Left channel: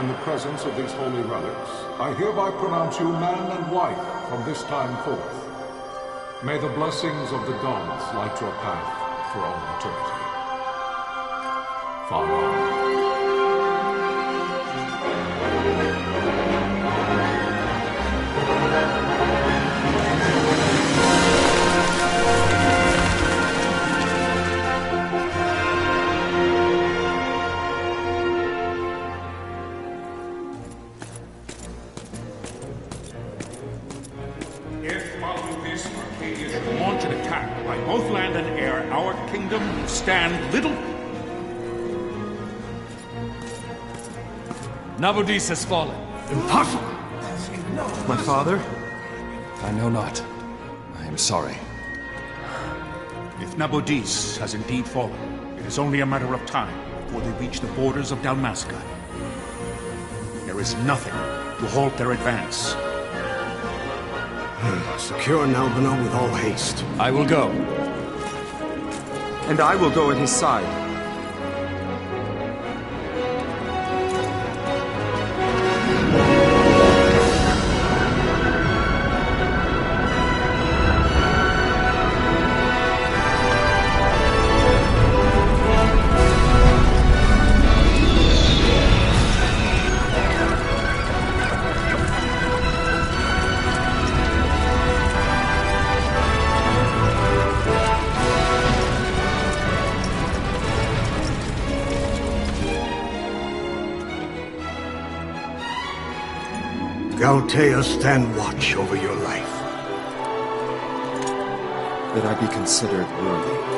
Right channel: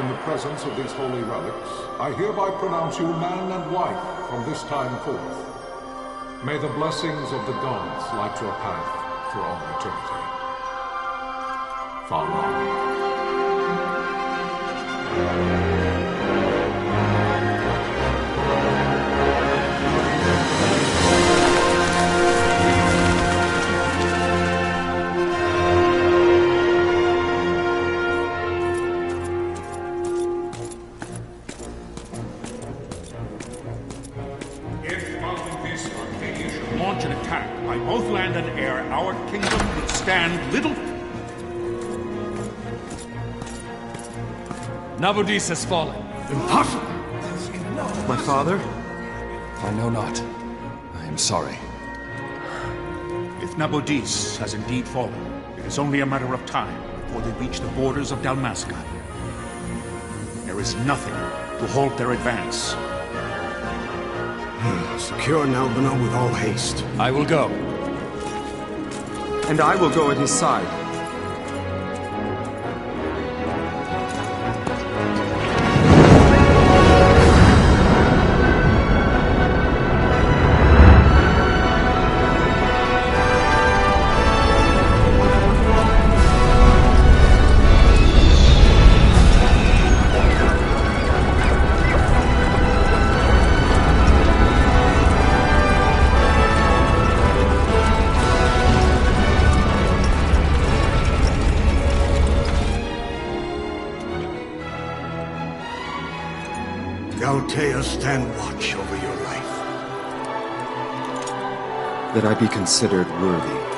in the presence of these holy relics, I hereby pronounce you man and wife from this time forth. May the blessings of the gods light your path for all eternity. Far on. By both land and air, our kingdom will stand little... Nabudis has fallen. Impossible! My father? I know not. I am sorry. If Nabudis has indeed fallen, it is only a matter of time before they reach the borders of Dalmasca. There is nothing to halt their advance. Secure Nalbina with all haste. I will go. And I will go at his side. Galtea, stand watch over your life. That I be considered worthy.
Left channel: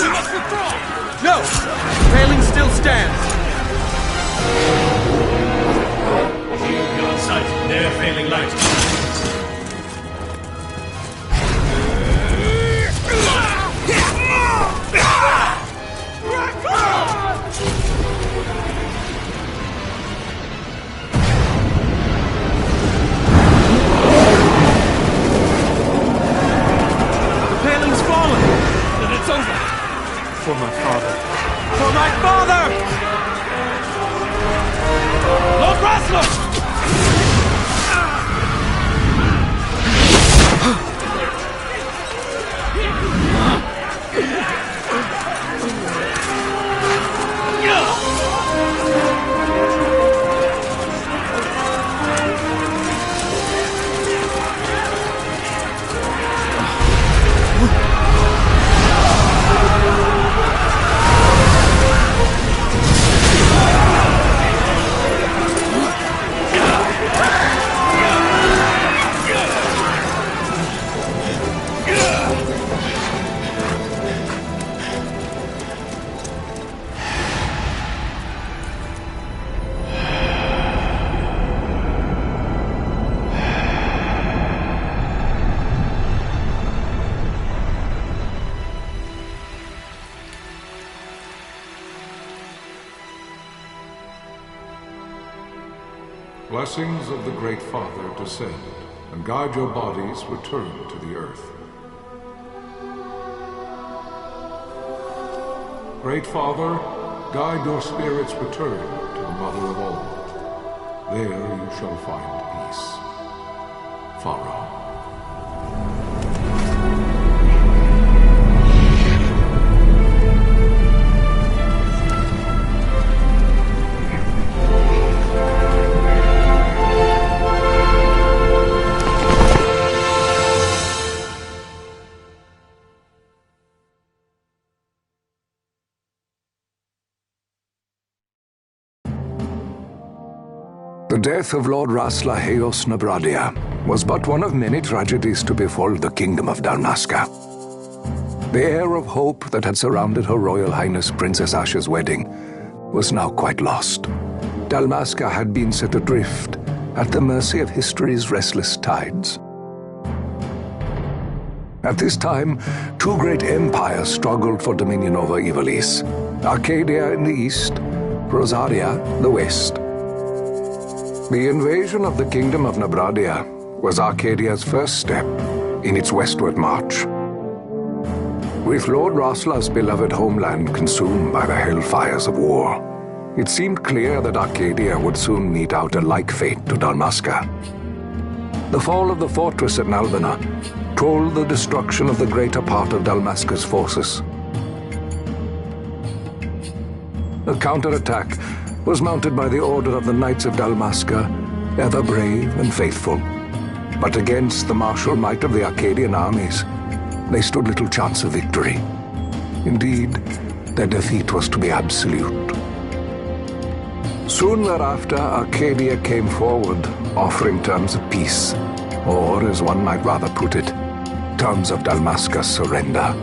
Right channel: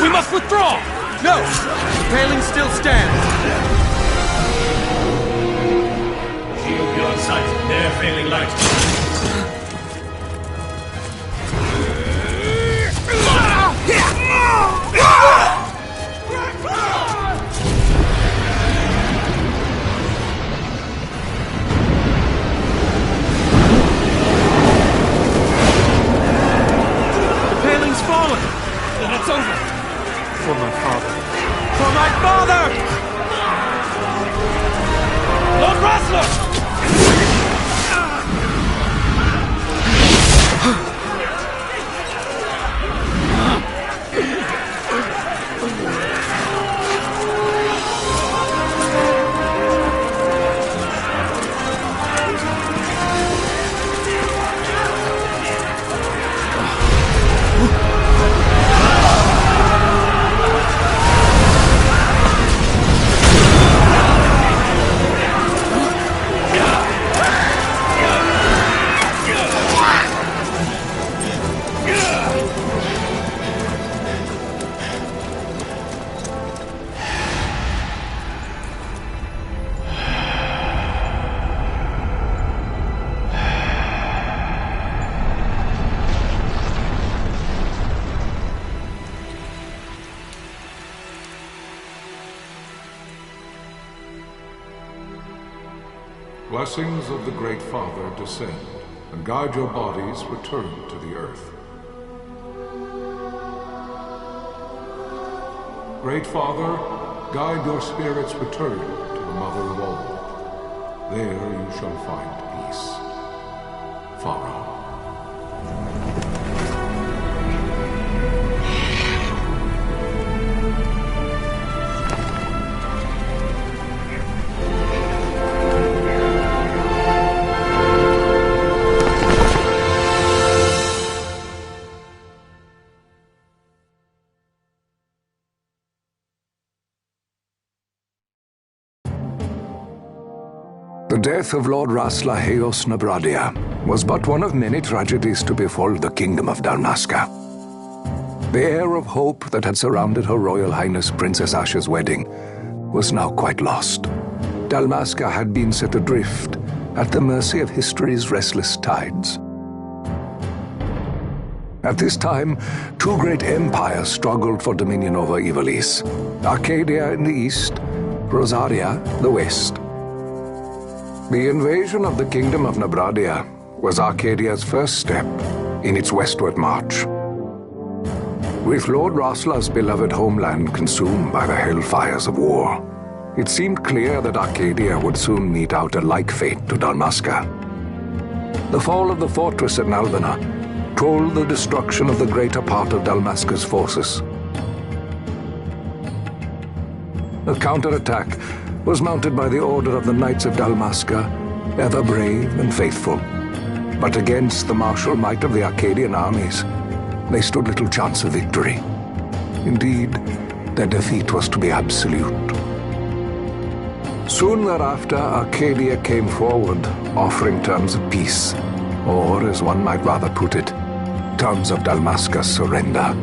We must withdraw! No! Paling still stands! Shield beyond sight, ne'er failing light. The paling's fallen! Then it's over! For my father. For my father! Lord Rasler! blessings of the Great Father descend, and guide your bodies return to the earth. Great Father, guide your spirits return to the Mother of all. There you shall find peace. Pharaoh. The death of Lord Rasla Heos Nabradia was but one of many tragedies to befall the kingdom of Dalmasca. The air of hope that had surrounded Her Royal Highness Princess Asha's wedding was now quite lost. Dalmasca had been set adrift at the mercy of history's restless tides. At this time, two great empires struggled for dominion over Ivalice: Arcadia in the east, Rosaria the west. The invasion of the Kingdom of Nabradia was Arcadia's first step in its westward march. With Lord Rasla's beloved homeland consumed by the hellfires of war, it seemed clear that Arcadia would soon mete out a like fate to Dalmasca. The fall of the fortress at Nalbina told the destruction of the greater part of Dalmasca's forces. A counterattack was mounted by the order of the Knights of Dalmasca, ever brave and faithful. But against the martial might of the Arcadian armies, they stood little chance of victory. Indeed, their defeat was to be absolute. Soon thereafter, Arcadia came forward, offering terms of peace, or, as one might rather put it, terms of Dalmasca's surrender.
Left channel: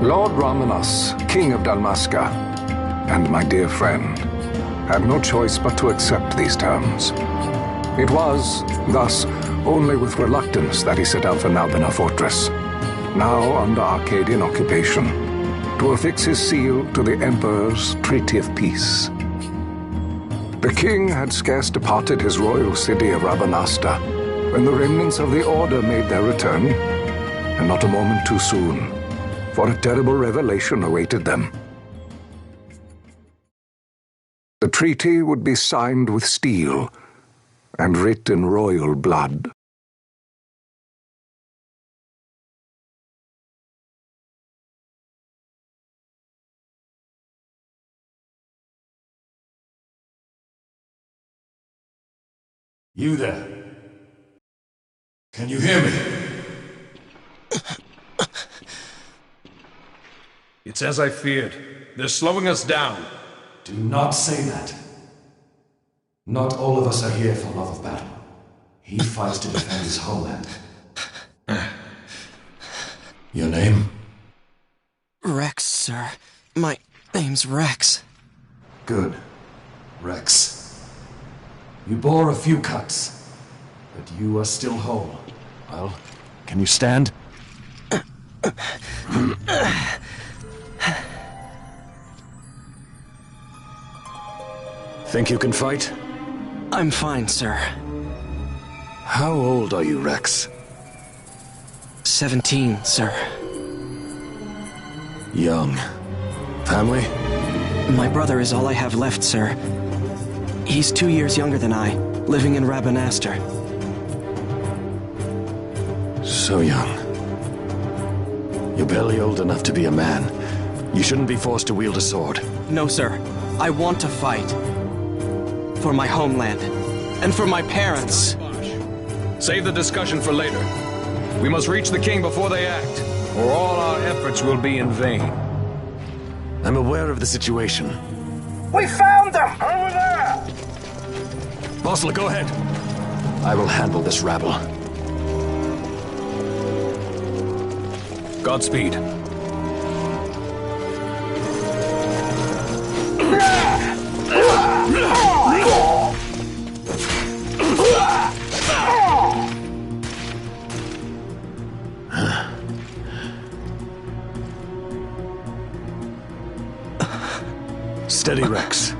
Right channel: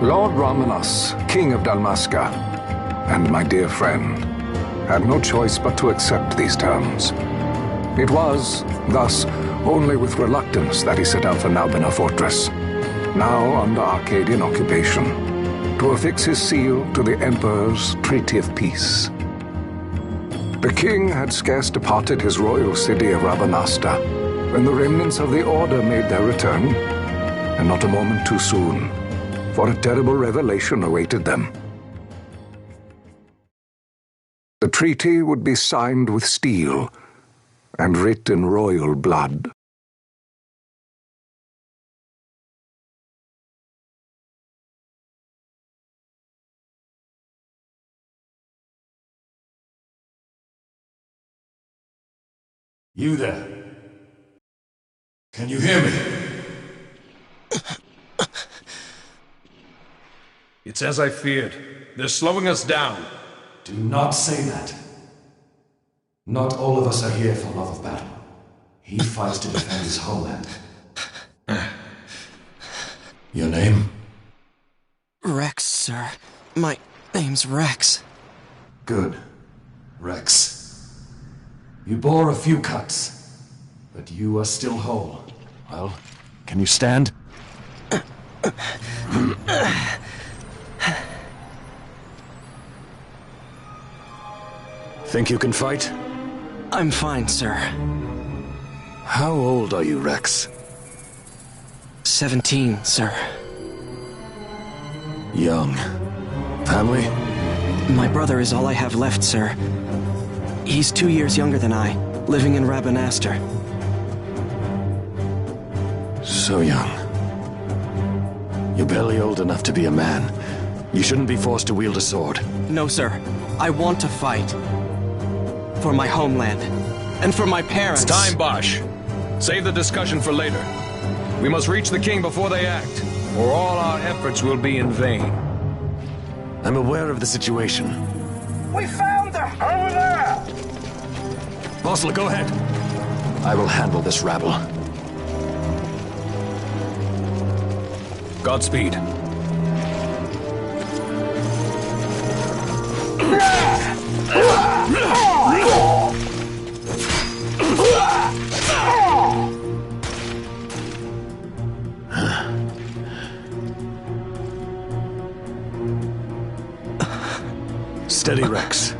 Lord Ramanas, King of Dalmasca, and my dear friend, had no choice but to accept these terms. It was, thus, only with reluctance that he set out for Nalbina Fortress, now under Arcadian occupation, to affix his seal to the Emperor's Treaty of Peace. The king had scarce departed his royal city of Rabanasta when the remnants of the Order made their return, and not a moment too soon, for a terrible revelation awaited them. The treaty would be signed with steel and writ in royal blood. You there? Can you hear me? It's as I feared. They're slowing us down. Do not say that. Not all of us are here for love of battle. He fights to defend his homeland. Your name? Rex, sir. My name's Rex. Good. Rex. You bore a few cuts, but you are still whole. Well, can you stand? Think you can fight? I'm fine, sir. How old are you, Rex? 17, sir. Young. Family? My brother is all I have left, sir. He's 2 years younger than I, living in Rabanastre. So young. You're barely old enough to be a man. You shouldn't be forced to wield a sword. No, sir. I want to fight. For my homeland. And for my parents. It's time, Bosch. Save the discussion for later. We must reach the king before they act, or all our efforts will be in vain. I'm aware of the situation. We found them! Over there! Bosler, go ahead. I will handle this rabble. Godspeed. Steady, Rex.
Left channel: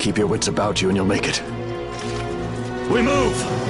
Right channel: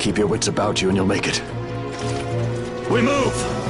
Keep your wits about you and you'll make it. We move!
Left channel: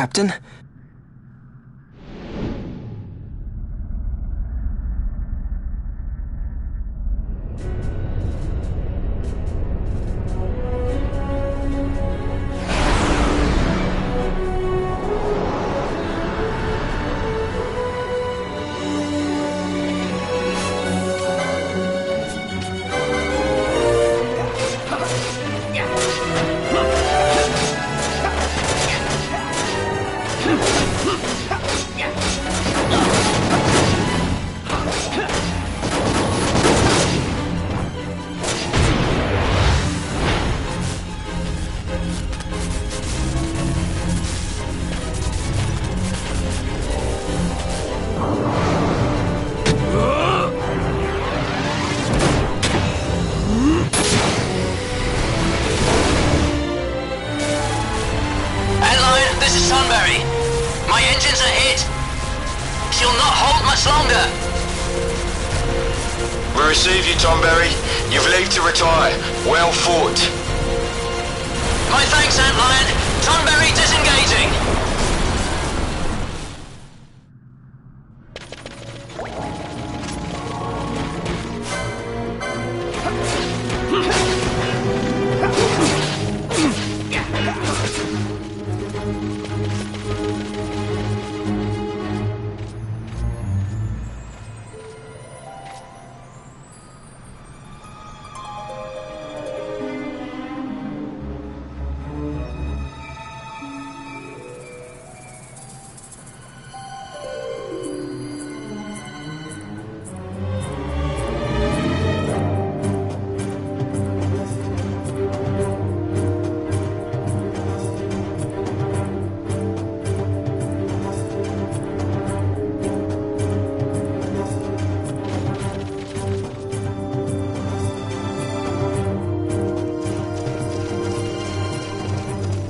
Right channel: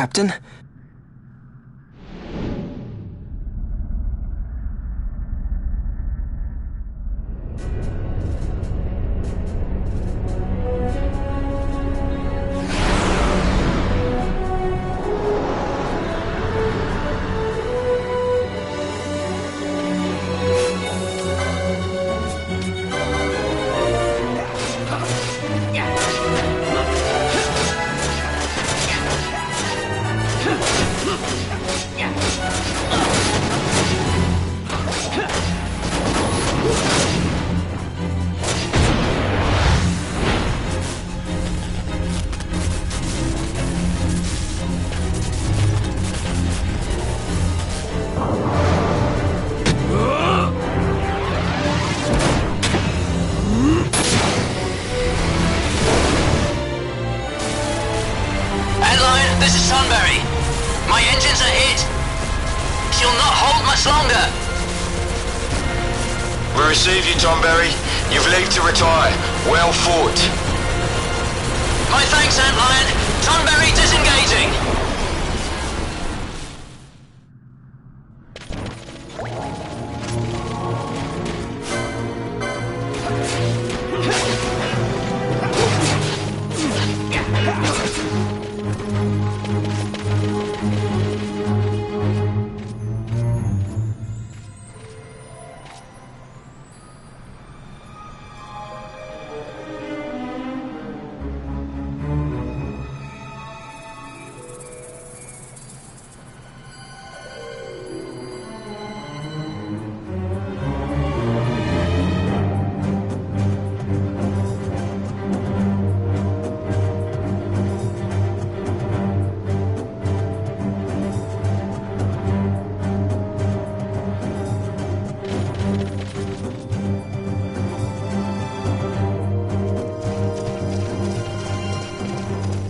Captain? receive you, Tomberry. You've leave to retire. Well fought. My thanks, Antlion. Tomberry disengaging.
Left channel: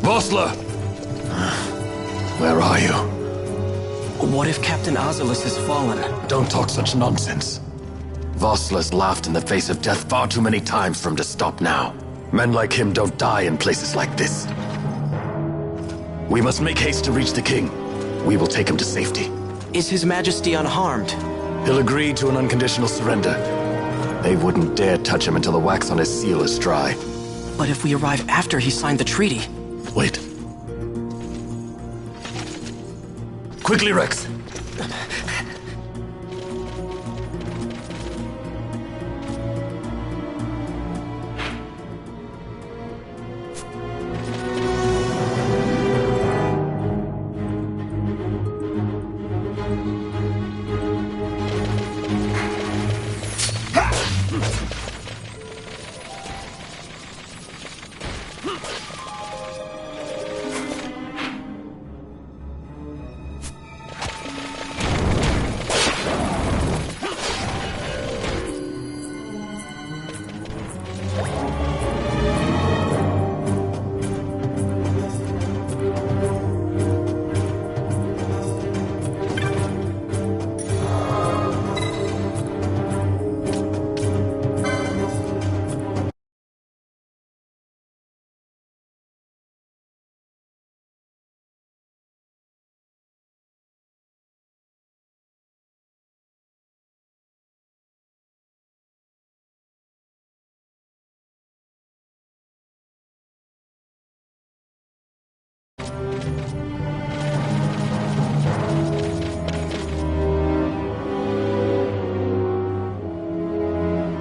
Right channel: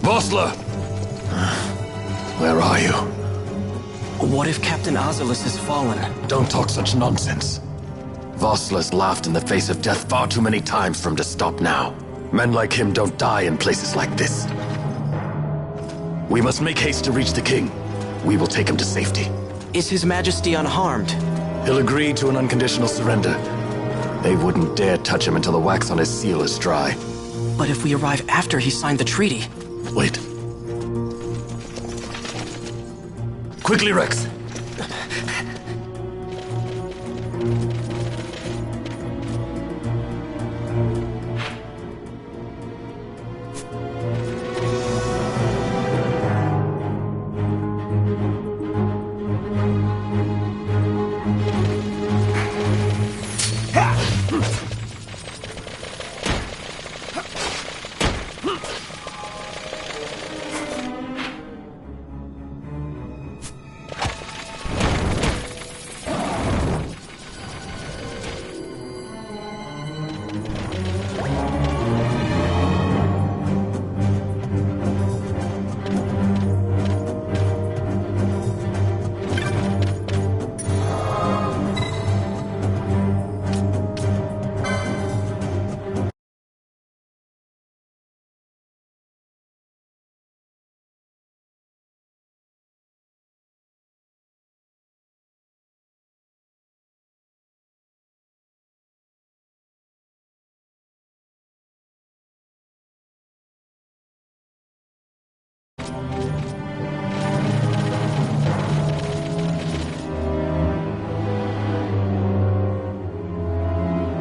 Vossler! Where are you? What if Captain Oculus has fallen? Don't talk such nonsense. Vossler's laughed in the face of death far too many times for him to stop now. Men like him don't die in places like this. We must make haste to reach the king. We will take him to safety. Is His Majesty unharmed? He'll agree to an unconditional surrender. They wouldn't dare touch him until the wax on his seal is dry. But if we arrive after he signed the treaty... Wait. Quickly, Rex!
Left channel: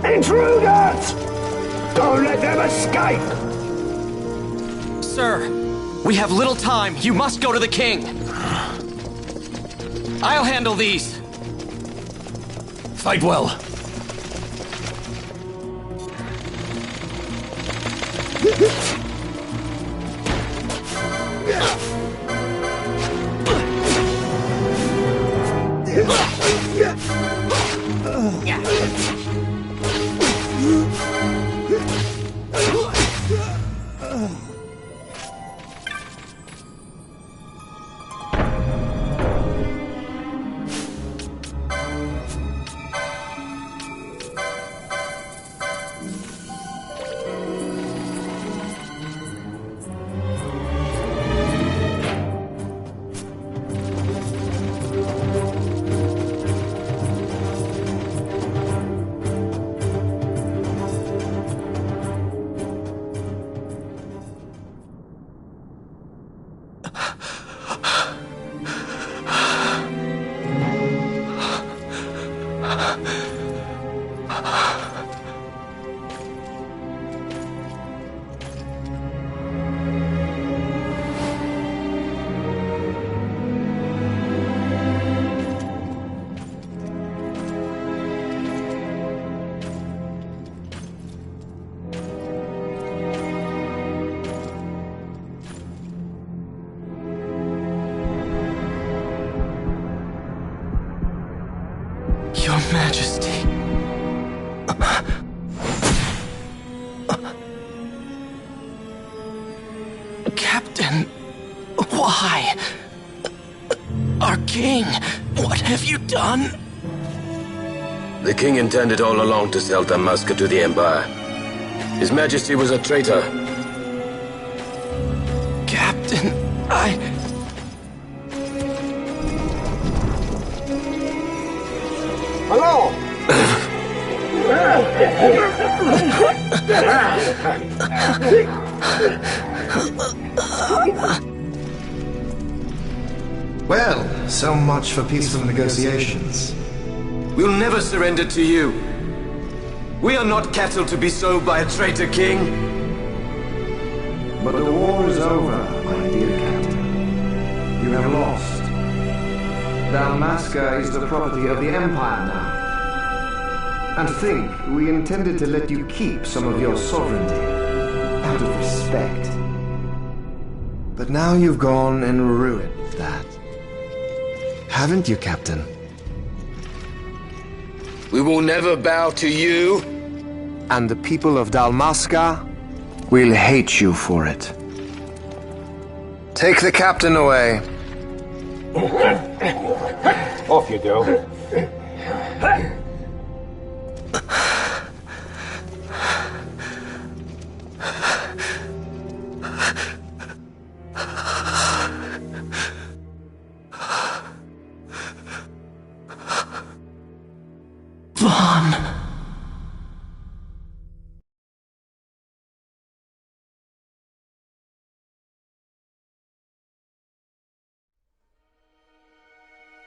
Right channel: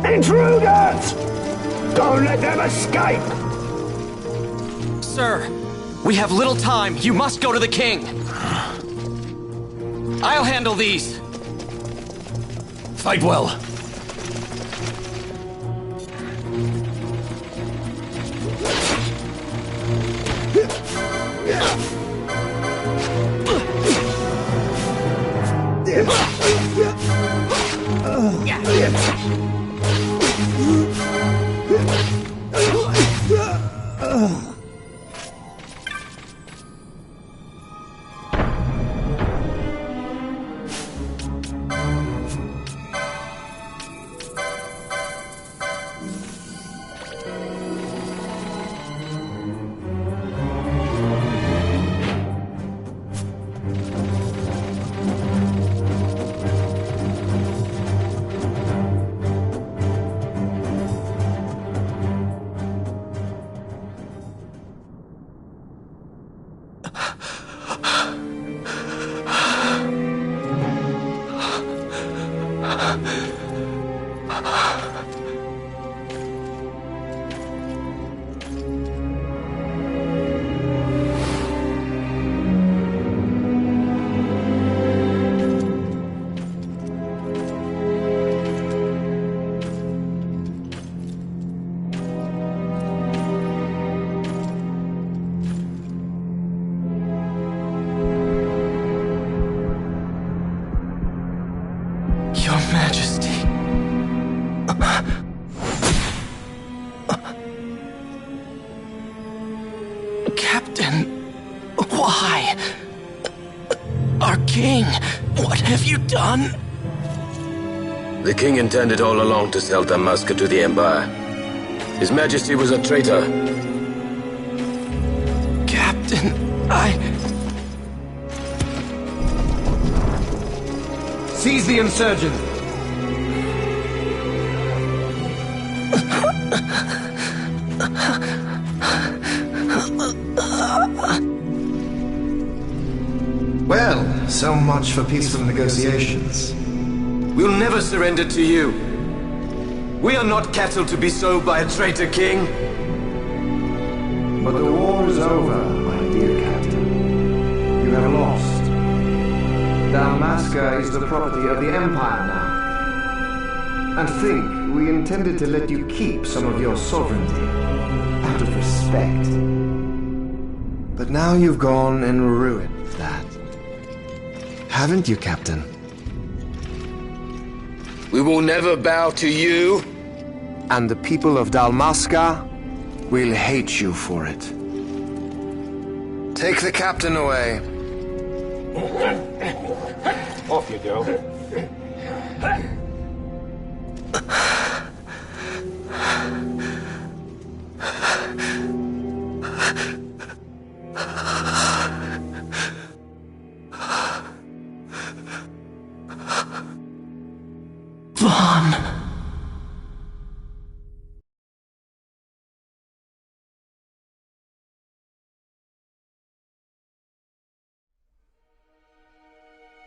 Intruders! Don't let them escape! Sir, we have little time. You must go to the king. I'll handle these. Fight well. Your Majesty. Captain, why? Our king, what have you done? The king intended all along to sell Dalmasca to the Empire. His Majesty was a traitor. Captain, Seize the insurgent. Hello! Well, so much for peaceful negotiations. We'll never surrender to you. We are not cattle to be sold by a traitor king. But the war is over, my dear captain. You have lost. Dalmasca is the property of the Empire now. And to think, we intended to let you keep some of your sovereignty, out of respect. But now you've gone and ruined that. Haven't you, Captain? We will never bow to you. And the people of Dalmasca will hate you for it. Take the captain away. Off you go. Vaughn.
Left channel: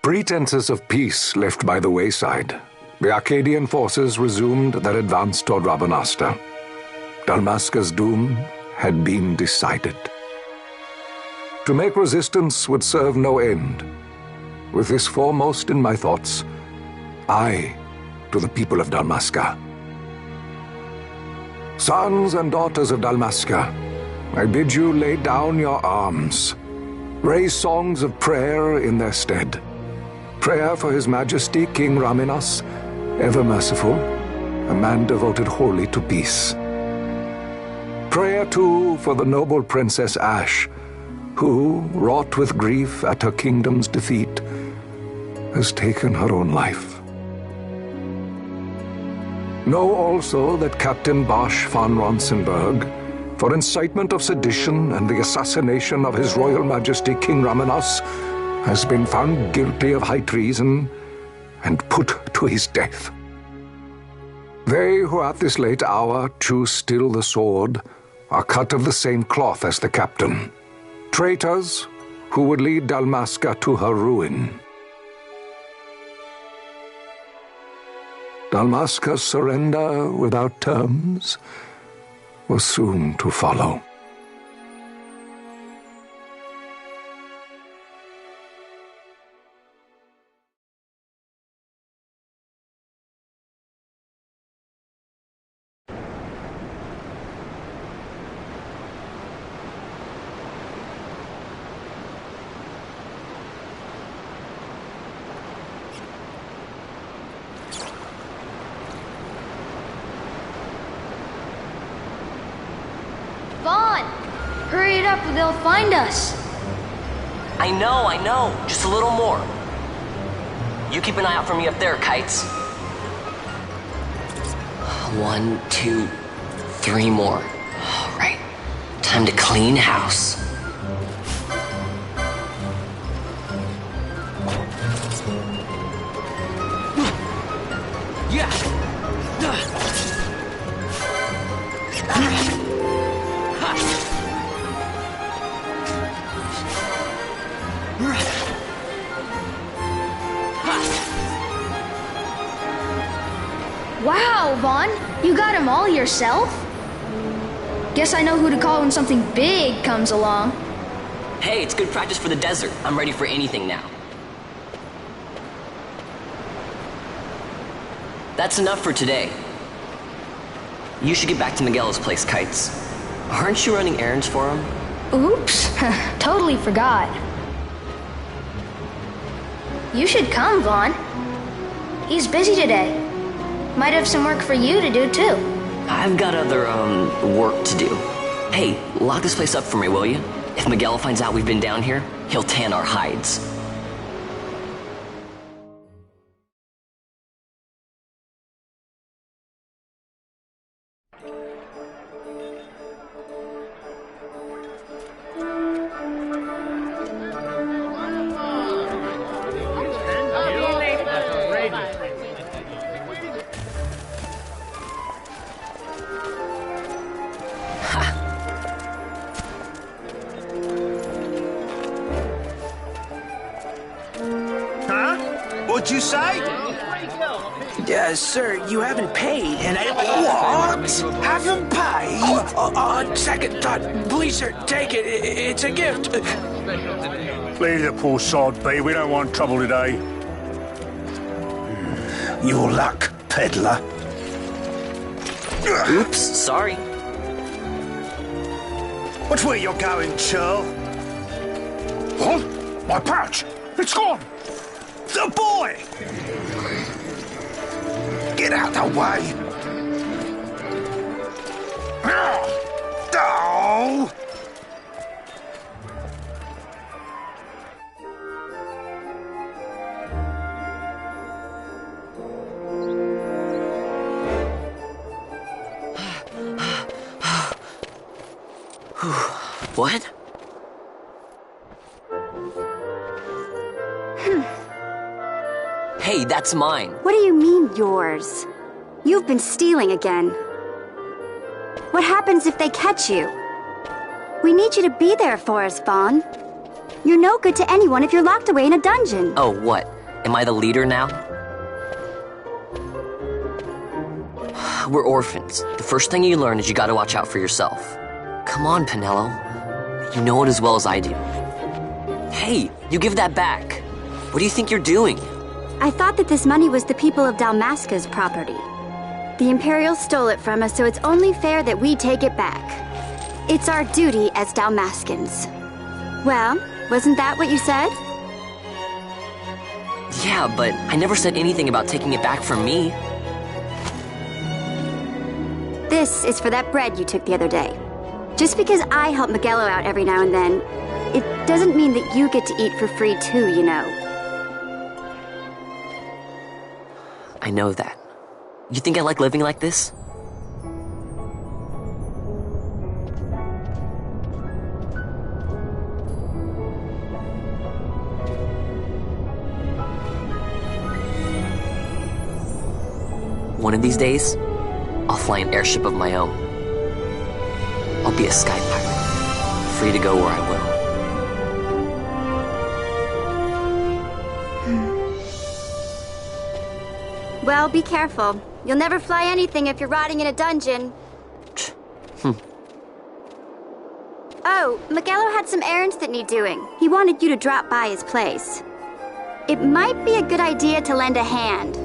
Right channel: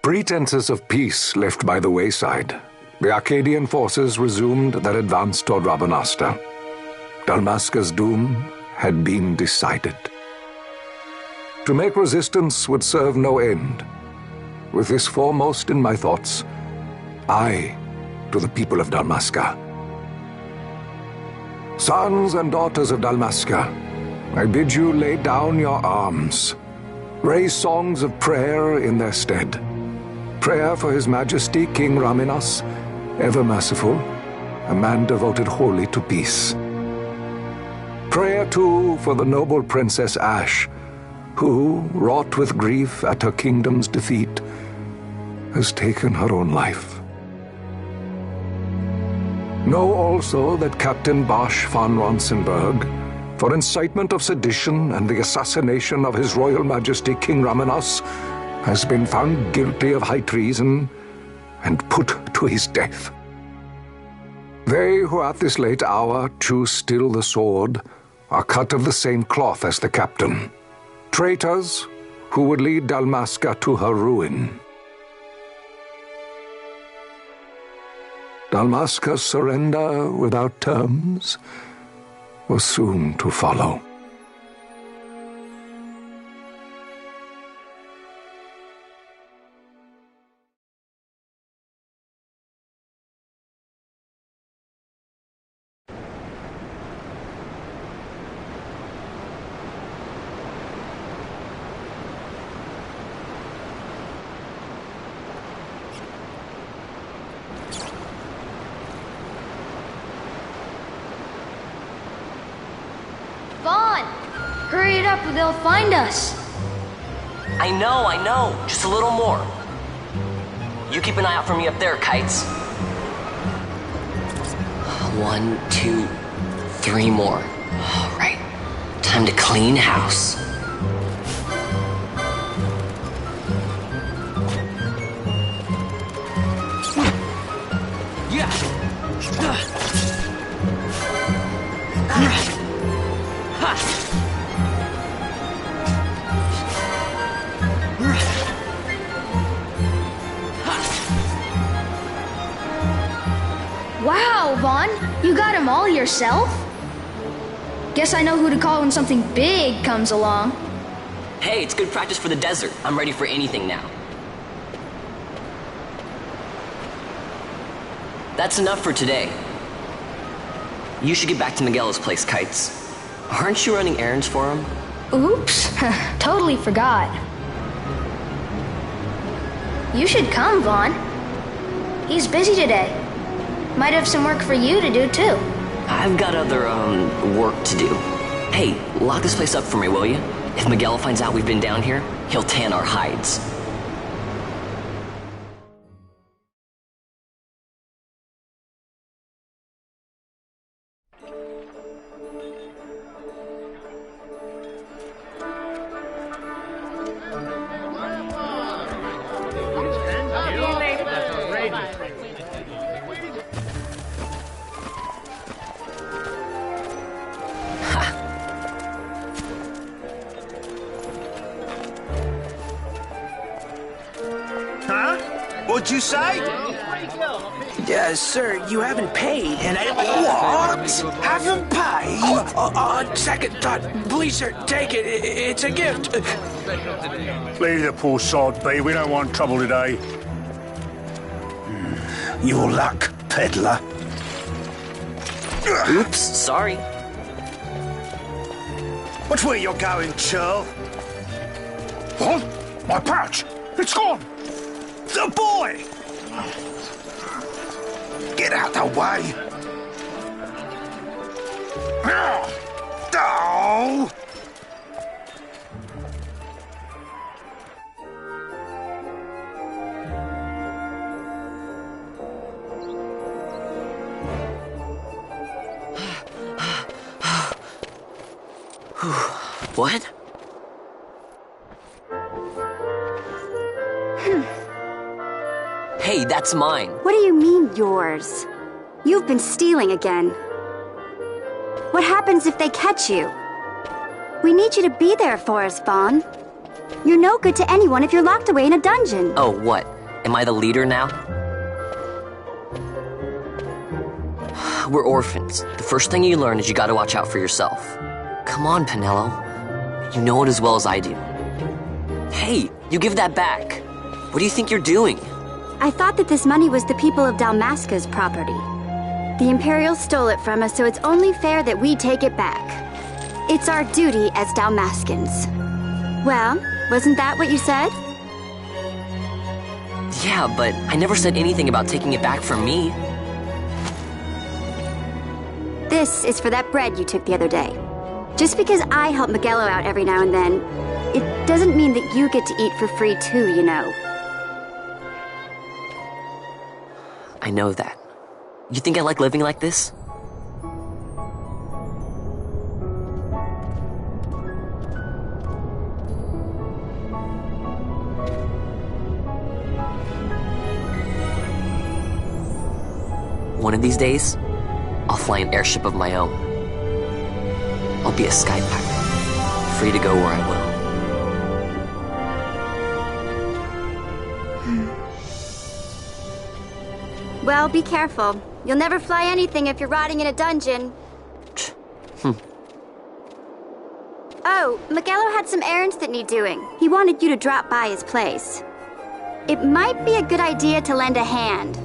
Pretenses of peace left by the wayside, the Arcadian forces resumed their advance toward Rabanasta. Dalmasca's doom had been decided. To make resistance would serve no end. With this foremost in my thoughts, I to the people of Dalmasca. Sons and daughters of Dalmasca, I bid you lay down your arms. Raise songs of prayer in their stead. Prayer for His Majesty King Raminas, ever merciful, a man devoted wholly to peace. Prayer, too, for the noble Princess Ash, who, wrought with grief at her kingdom's defeat, has taken her own life. Know also that Captain Bosch von Ronsenberg, for incitement of sedition and the assassination of His Royal Majesty King Raminas, has been found guilty of high treason and put to his death. They who at this late hour choose still the sword are cut of the same cloth as the captain, traitors who would lead Dalmasca to her ruin. Dalmasca's surrender without terms was soon to follow. Vaughn! Hurry it up or they'll find us. I know. Just a little more. You keep an eye out for me up there, Kites. 1, 2, 3 more. All right. Time to clean house. Wow, Vaughn, you got them all yourself? Guess I know who to call when something big comes along. Hey, it's good practice for the desert. I'm ready for anything now. That's enough for today. You should get back to Miguel's place, Kites. Aren't you running errands for him? Oops, totally forgot. You should come, Vaughn. He's busy today. Might have some work for you to do, too. I've got other, work to do. Hey, lock this place up for me, will you? If Miguel finds out we've been down here, he'll tan our hides. Huh? What'd you say? Sir, you haven't paid, and I... What? Haven't paid? Second thought. Please, sir, take it. It's a gift. Leave the poor sod be. We don't want trouble today. Your luck, peddler. Oops, sorry. Watch where you're going, churl. What? My pouch! It's gone! The boy! Get out the way! Oh! What? Hey, that's mine. What do you mean, yours? You've been stealing again. What happens if they catch you? We need you to be there for us, Vaughn. You're no good to anyone if you're locked away in a dungeon. Oh, what? Am I the leader now? We're orphans. The first thing you learn is you gotta watch out for yourself. Come on, Pinello. You know it as well as I do. Hey, you give that back. What do you think you're doing? I thought that this money was the people of Dalmasca's property. The Imperials stole it from us, so it's only fair that we take it back. It's our duty as Dalmascans. Well, wasn't that what you said? Yeah, but I never said anything about taking it back from me. This is for that bread you took the other day. Just because I help Miguelo out every now and then, it doesn't mean that you get to eat for free too, you know. I know that. You think I like living like this? One of these days, I'll fly an airship of my own. I'll be a sky pirate, free to go where I will. Well, be careful. You'll never fly anything if you're rotting in a dungeon. Oh, Miguelo had some errands that need doing. He wanted you to drop by his place. It might be a good idea to lend a hand.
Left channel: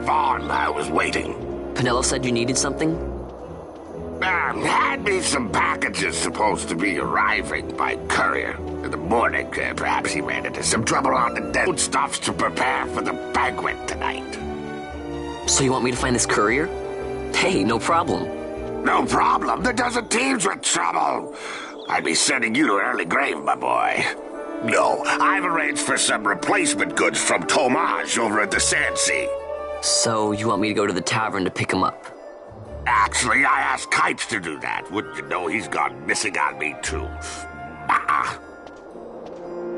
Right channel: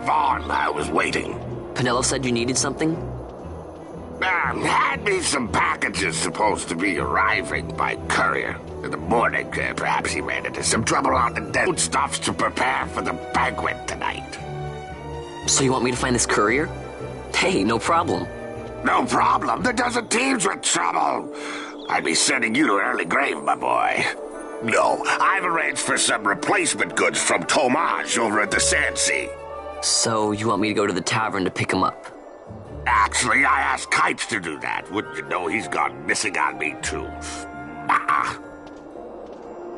Vaughn, I was waiting. Pinello said you needed something? Hand me some packages supposed to be arriving by courier. In the morning, perhaps he ran into some trouble on the dead stuffs to prepare for the banquet tonight. So you want me to find this courier? Hey, no problem. No problem. The desert teems with trouble. I'd be sending you to an early grave, my boy. No, I've arranged for some replacement goods from Tomage over at the Sandsea. So you want me to go to the tavern to pick him up? Actually, I asked Kites to do that. Wouldn't you know he's gone missing on me, too.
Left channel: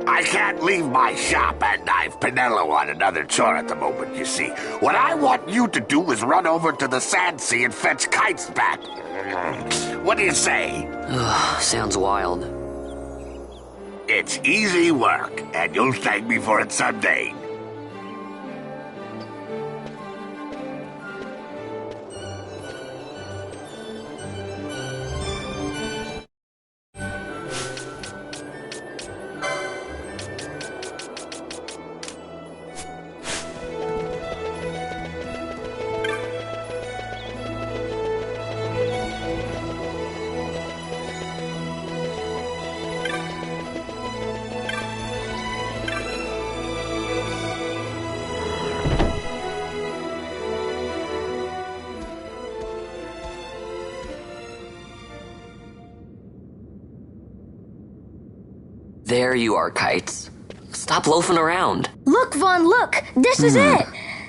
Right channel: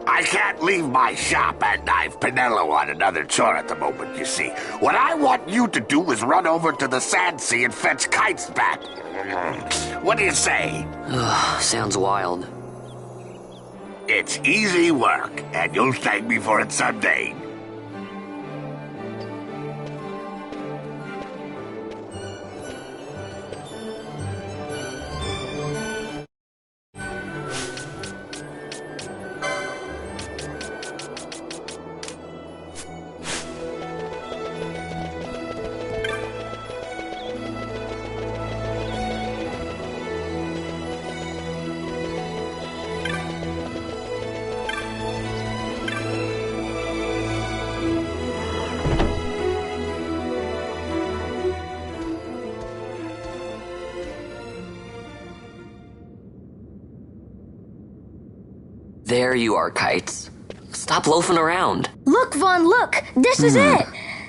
I can't leave my shop and I've Pinello on another chore at the moment, you see. What I want you to do is run over to the Sandsea and fetch Kites back. What do you say? Sounds wild. It's easy work, and you'll thank me for it someday. There you are, Kites. Stop loafing around. Look, Vaughn, look! This is it!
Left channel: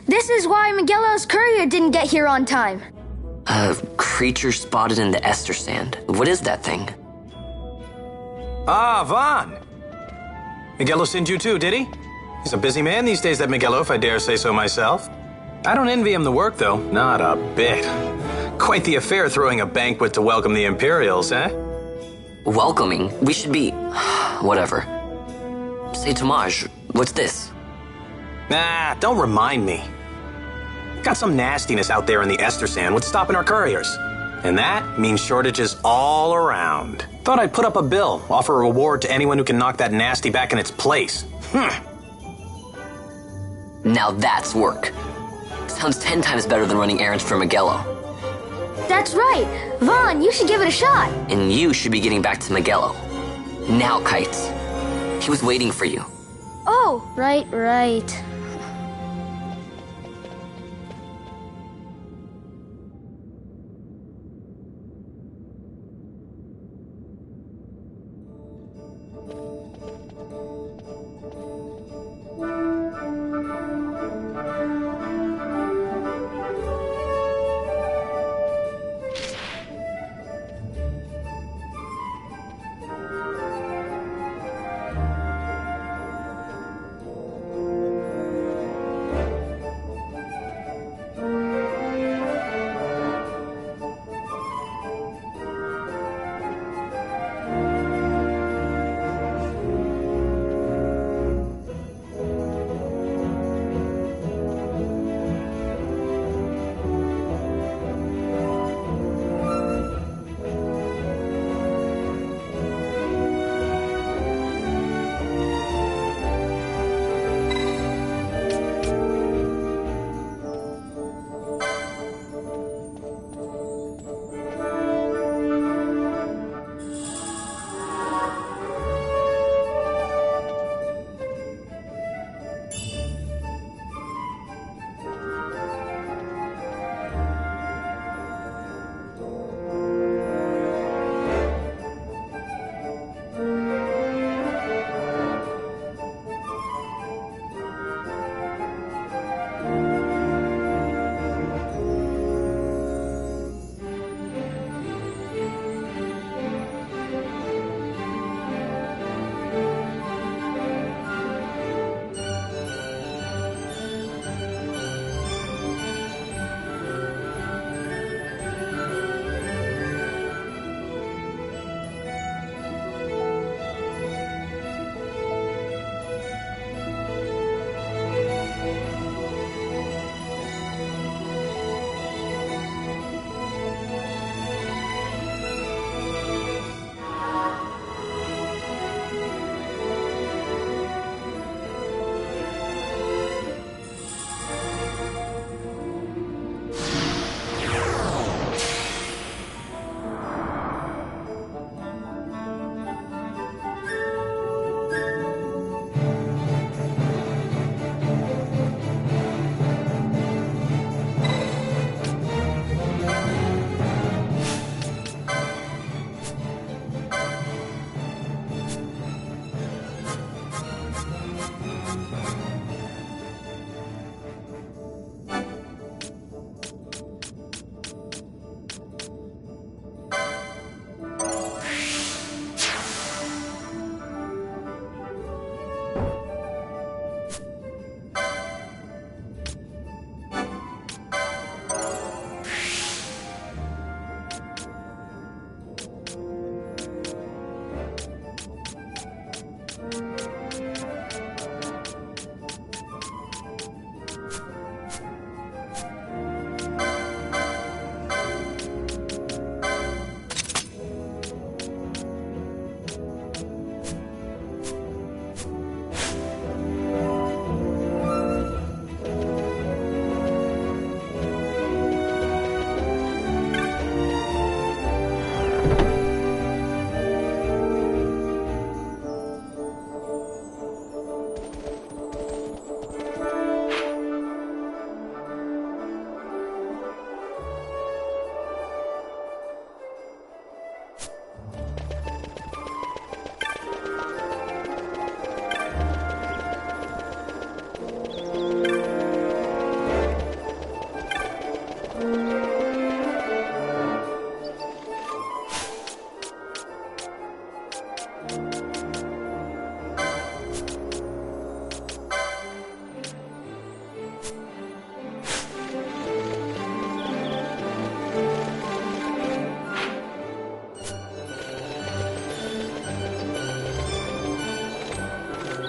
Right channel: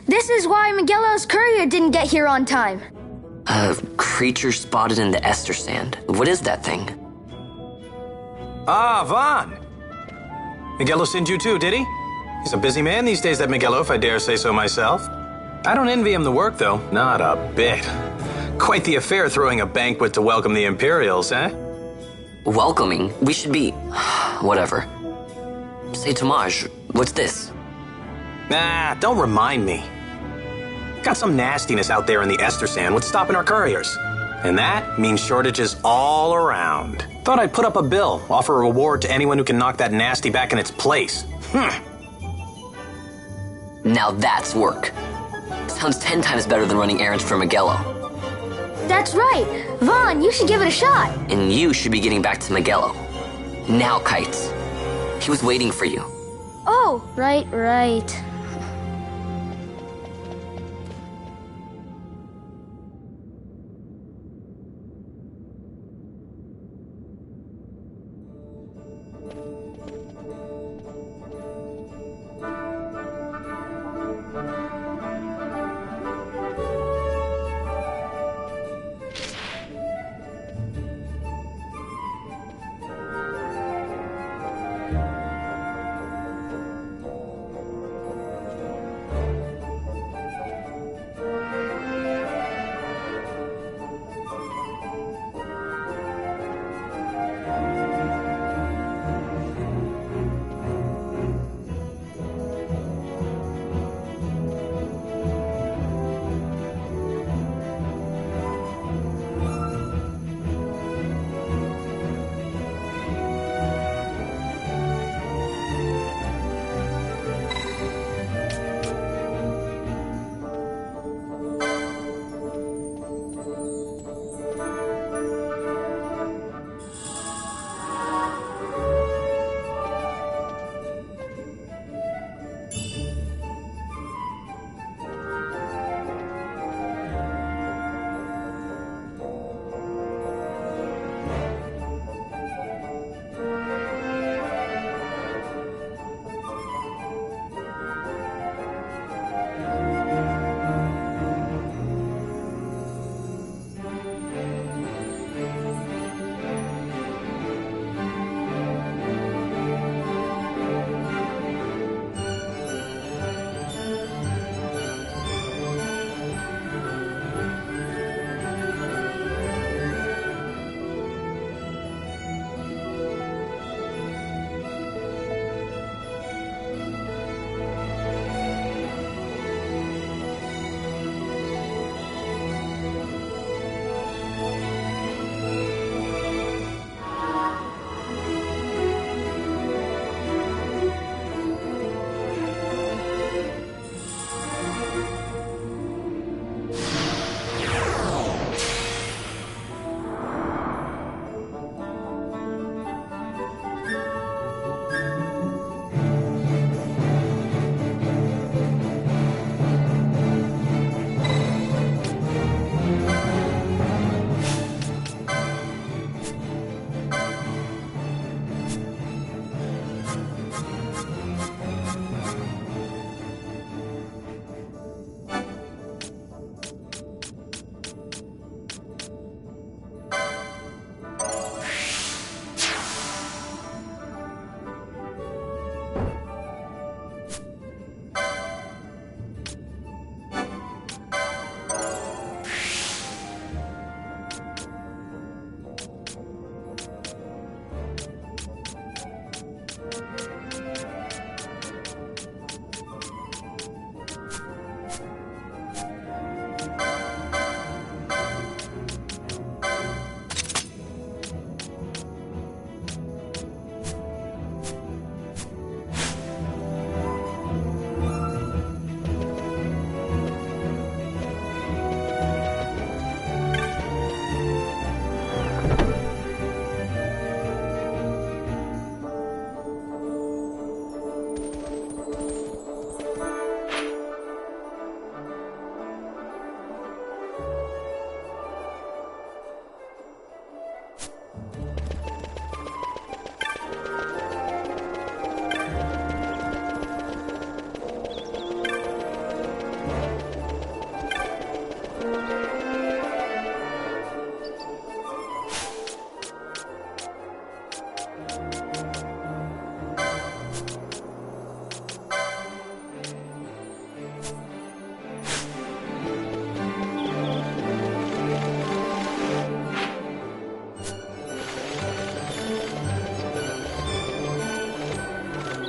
This is why Miguelo's courier didn't get here on time. A creature spotted in the Ester Sand. What is that thing? Ah, Vaughn! Miguelo sent you too, did he? He's a busy man these days, that Miguelo, if I dare say so myself. I don't envy him the work, though. Not a bit. Quite the affair throwing a banquet to welcome the Imperials, eh? Welcoming? We should be... whatever. Say, Tomage, what's this? Nah, don't remind me. Got some nastiness out there in the Ester Sand. What's stopping our couriers? And that means shortages all around. Thought I'd put up a bill, offer a reward to anyone who can knock that nasty back in its place. Now that's work. Sounds 10 times better than running errands for Miguelo. That's right. Vaughn, you should give it a shot. And you should be getting back to Miguelo. Now, Kites. He was waiting for you. Oh, right.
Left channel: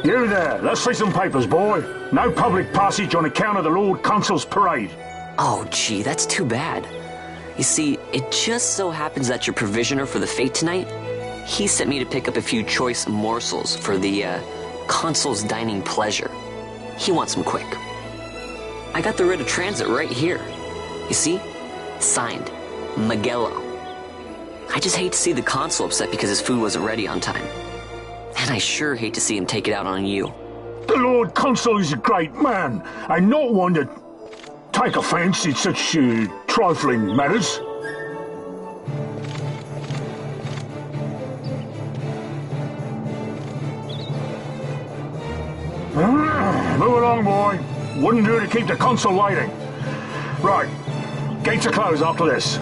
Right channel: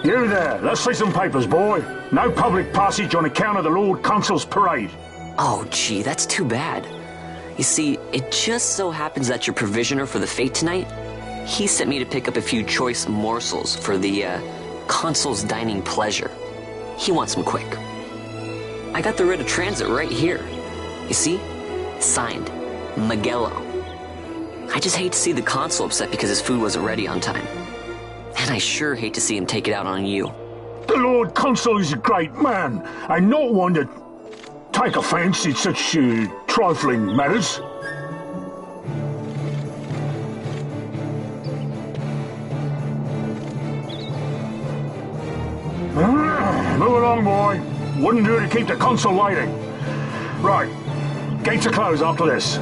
You there, let's see some papers, boy. No public passage on account of the Lord Consul's parade. Oh, gee, that's too bad. You see, it just so happens that your provisioner for the fete tonight, he sent me to pick up a few choice morsels for the, Consul's dining pleasure. He wants them quick. I got the writ of transit right here. You see? Signed, Magello. I just hate to see the Consul upset because his food wasn't ready on time. And I sure hate to see him take it out on you. The Lord Consul is a great man, and not one to take offence in such trifling matters. Move along, boy. Wouldn't do to keep the Consul waiting. Right, gates are closed after this.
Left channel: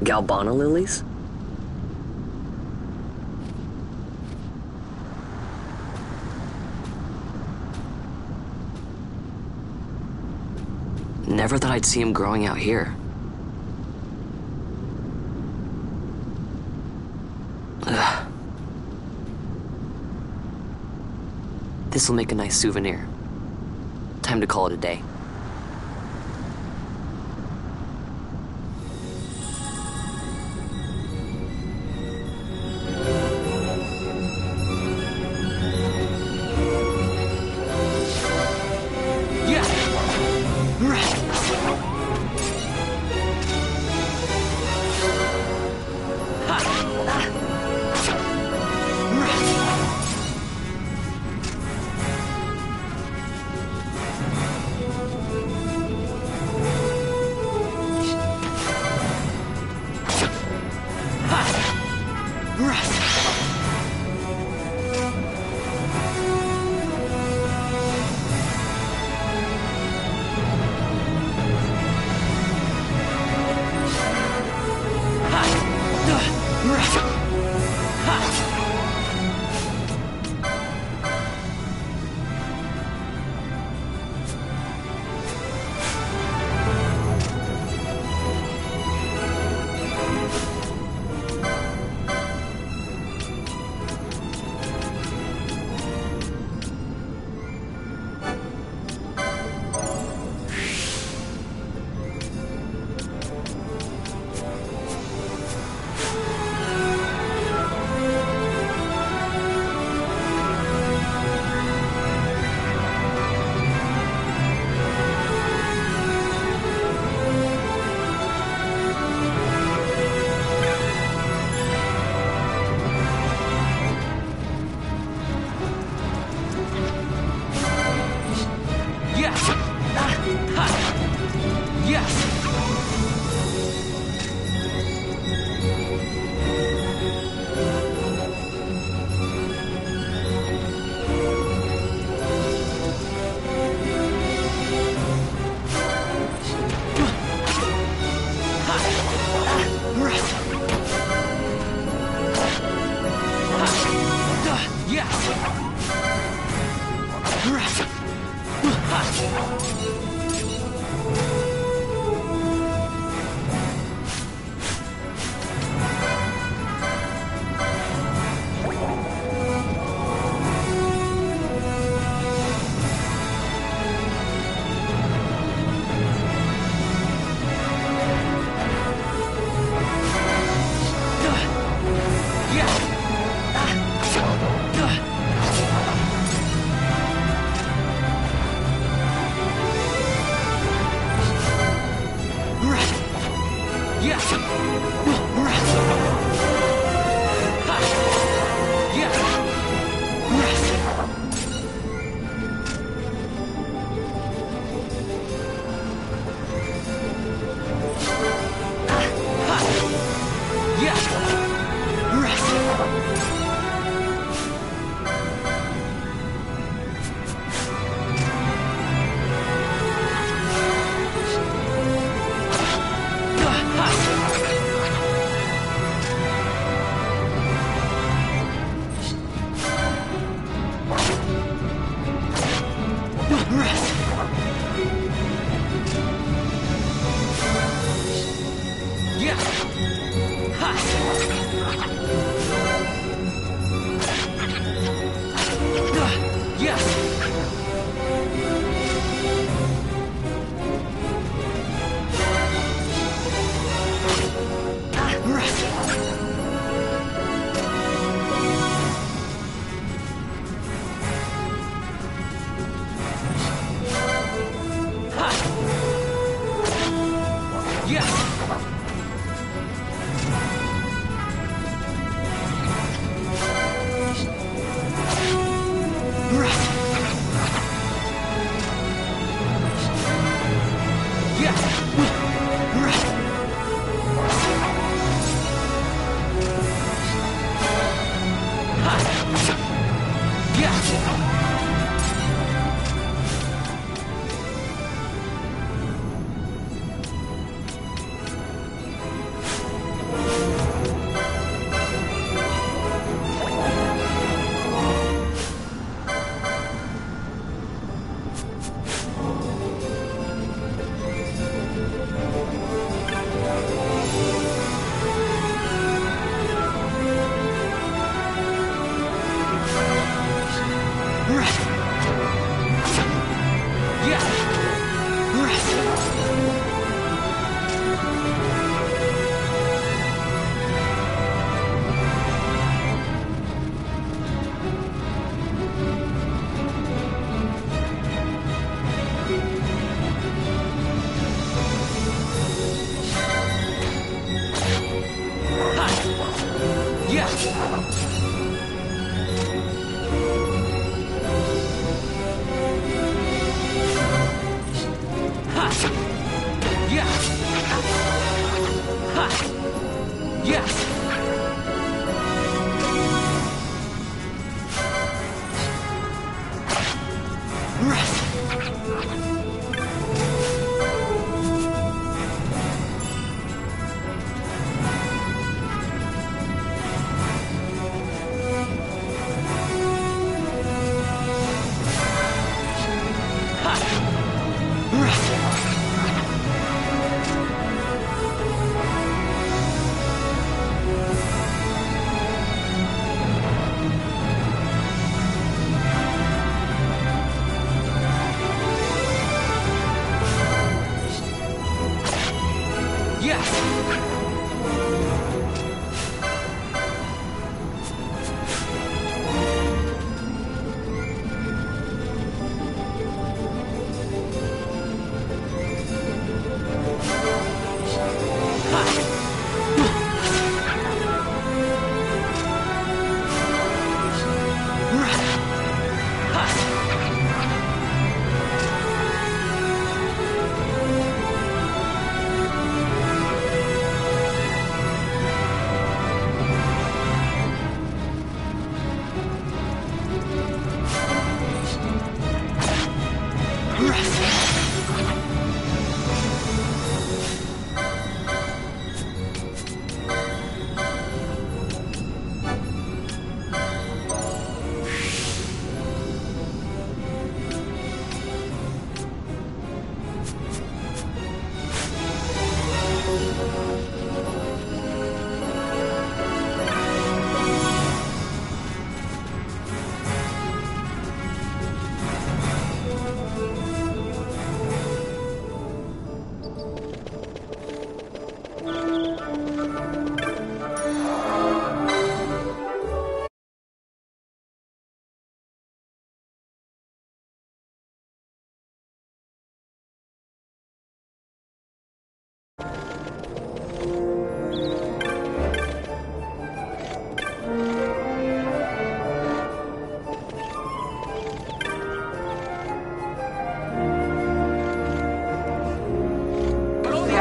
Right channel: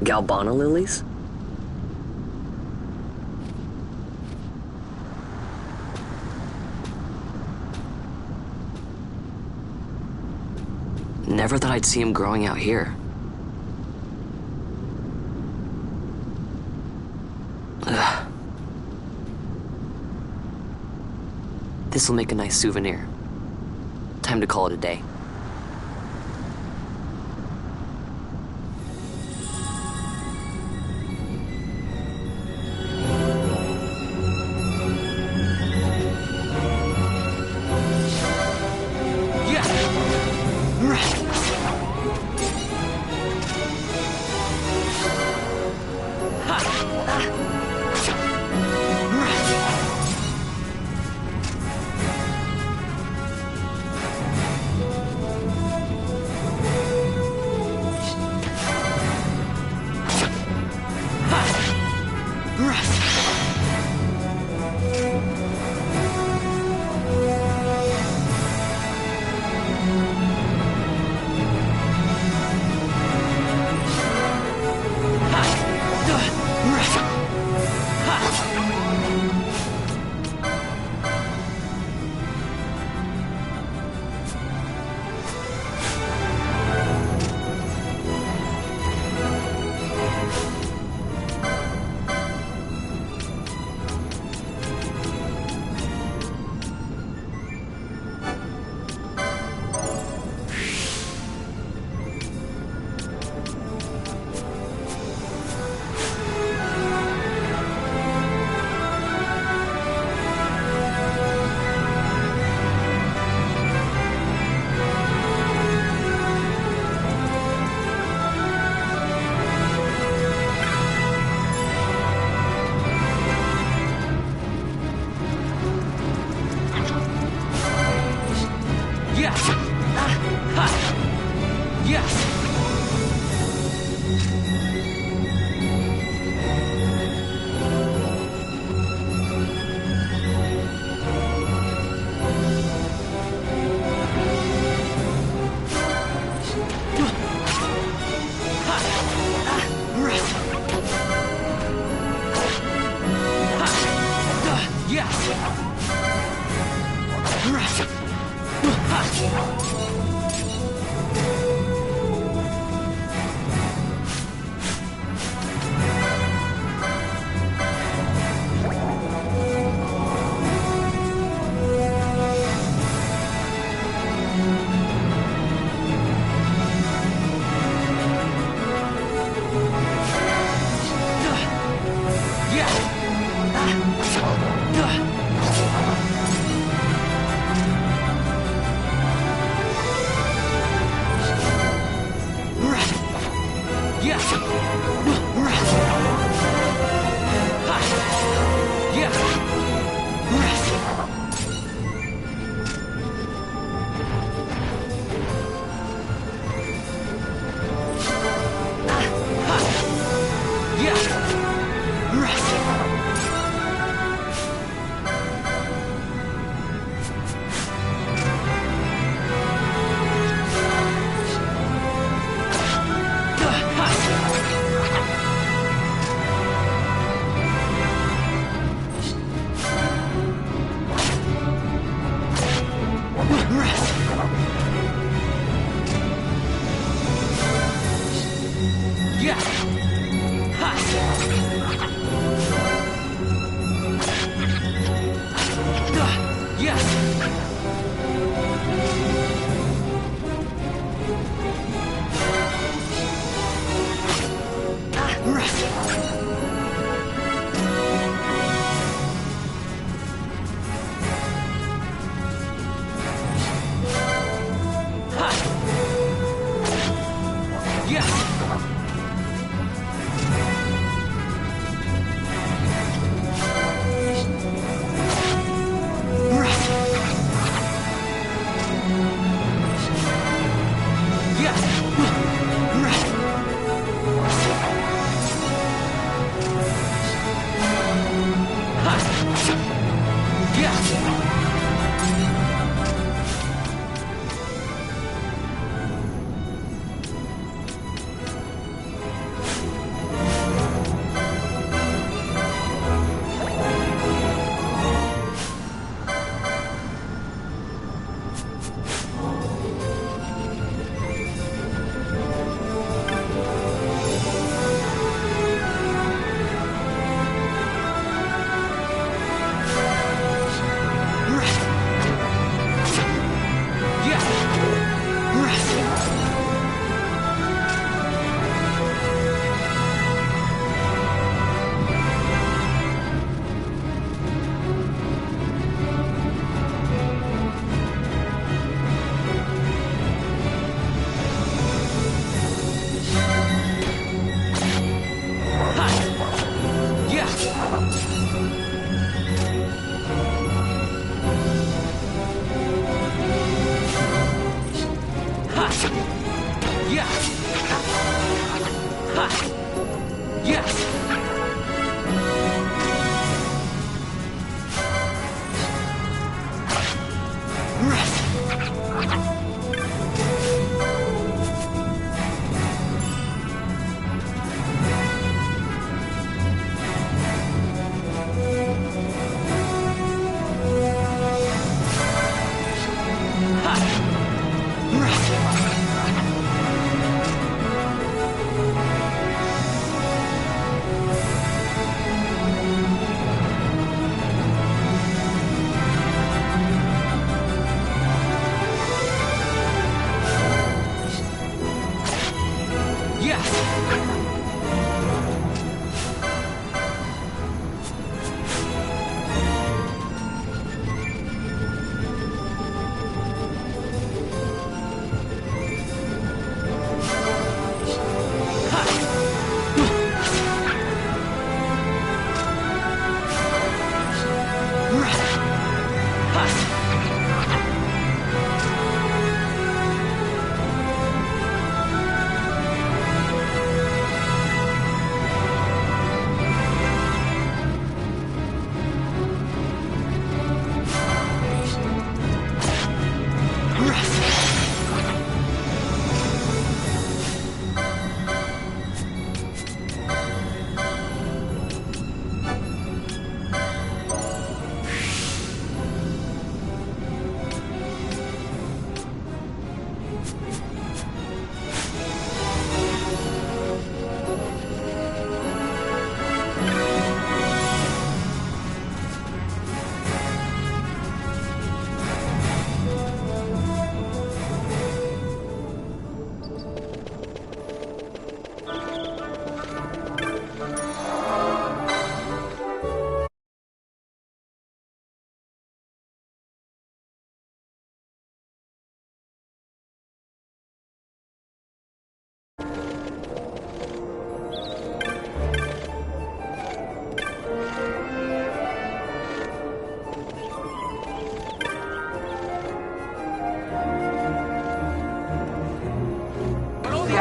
Galbana lilies? Never thought I'd see him growing out here. Ugh. This'll make a nice souvenir. Time to call it a day.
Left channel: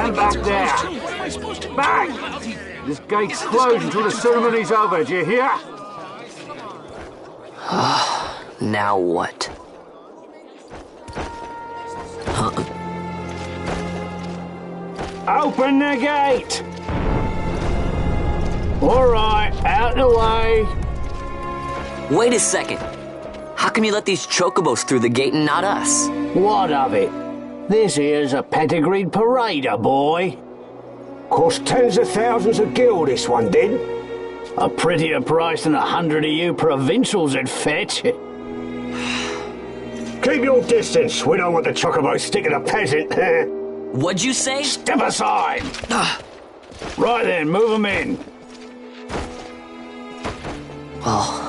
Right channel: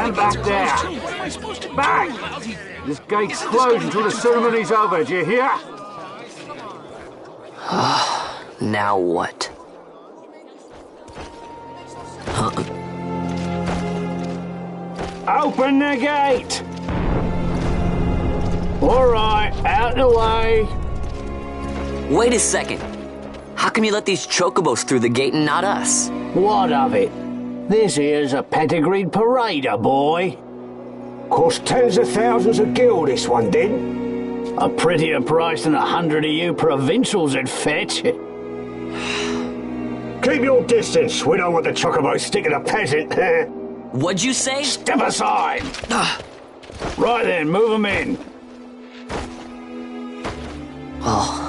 Stand back there. Back! This gate's closed until the ceremony's over, do you hear? Now what? Open the gate! Alright, out the way. Wait a second. How come you let these chocobos through the gate and not us? What of it? This here's a pedigreed parader, boy. Cost tens of thousands of gil, this one did. A prettier price than 100 of you provincials would fetch. Keep your distance. We don't want the chocobo sticking a peasant. What'd you say? Step aside. Right then, move them in. Oh.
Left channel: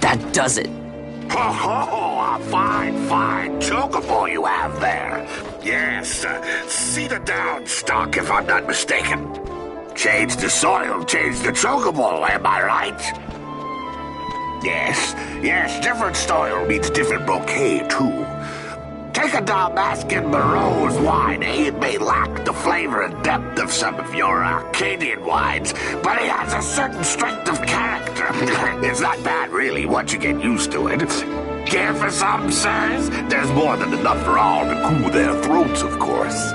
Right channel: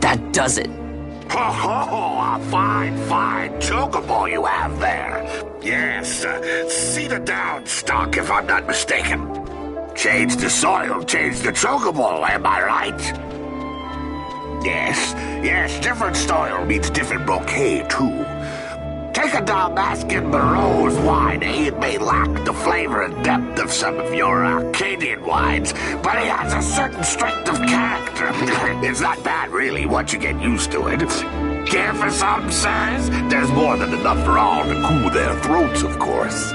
That does it. Oh, a fine chocobo you have there. Yes, cedar down stock, if I'm not mistaken. Change the soil, change the chocobo, am I right? Yes, different soil means different bouquet, too. Take a Dalmascan Barrow's wine, It may lack the flavor and depth of some of your Arcadian wines, but it has a certain strength of character. It's not bad, really, once you get used to it. Care for some, sirs? There's more than enough for all to cool their throats, of course.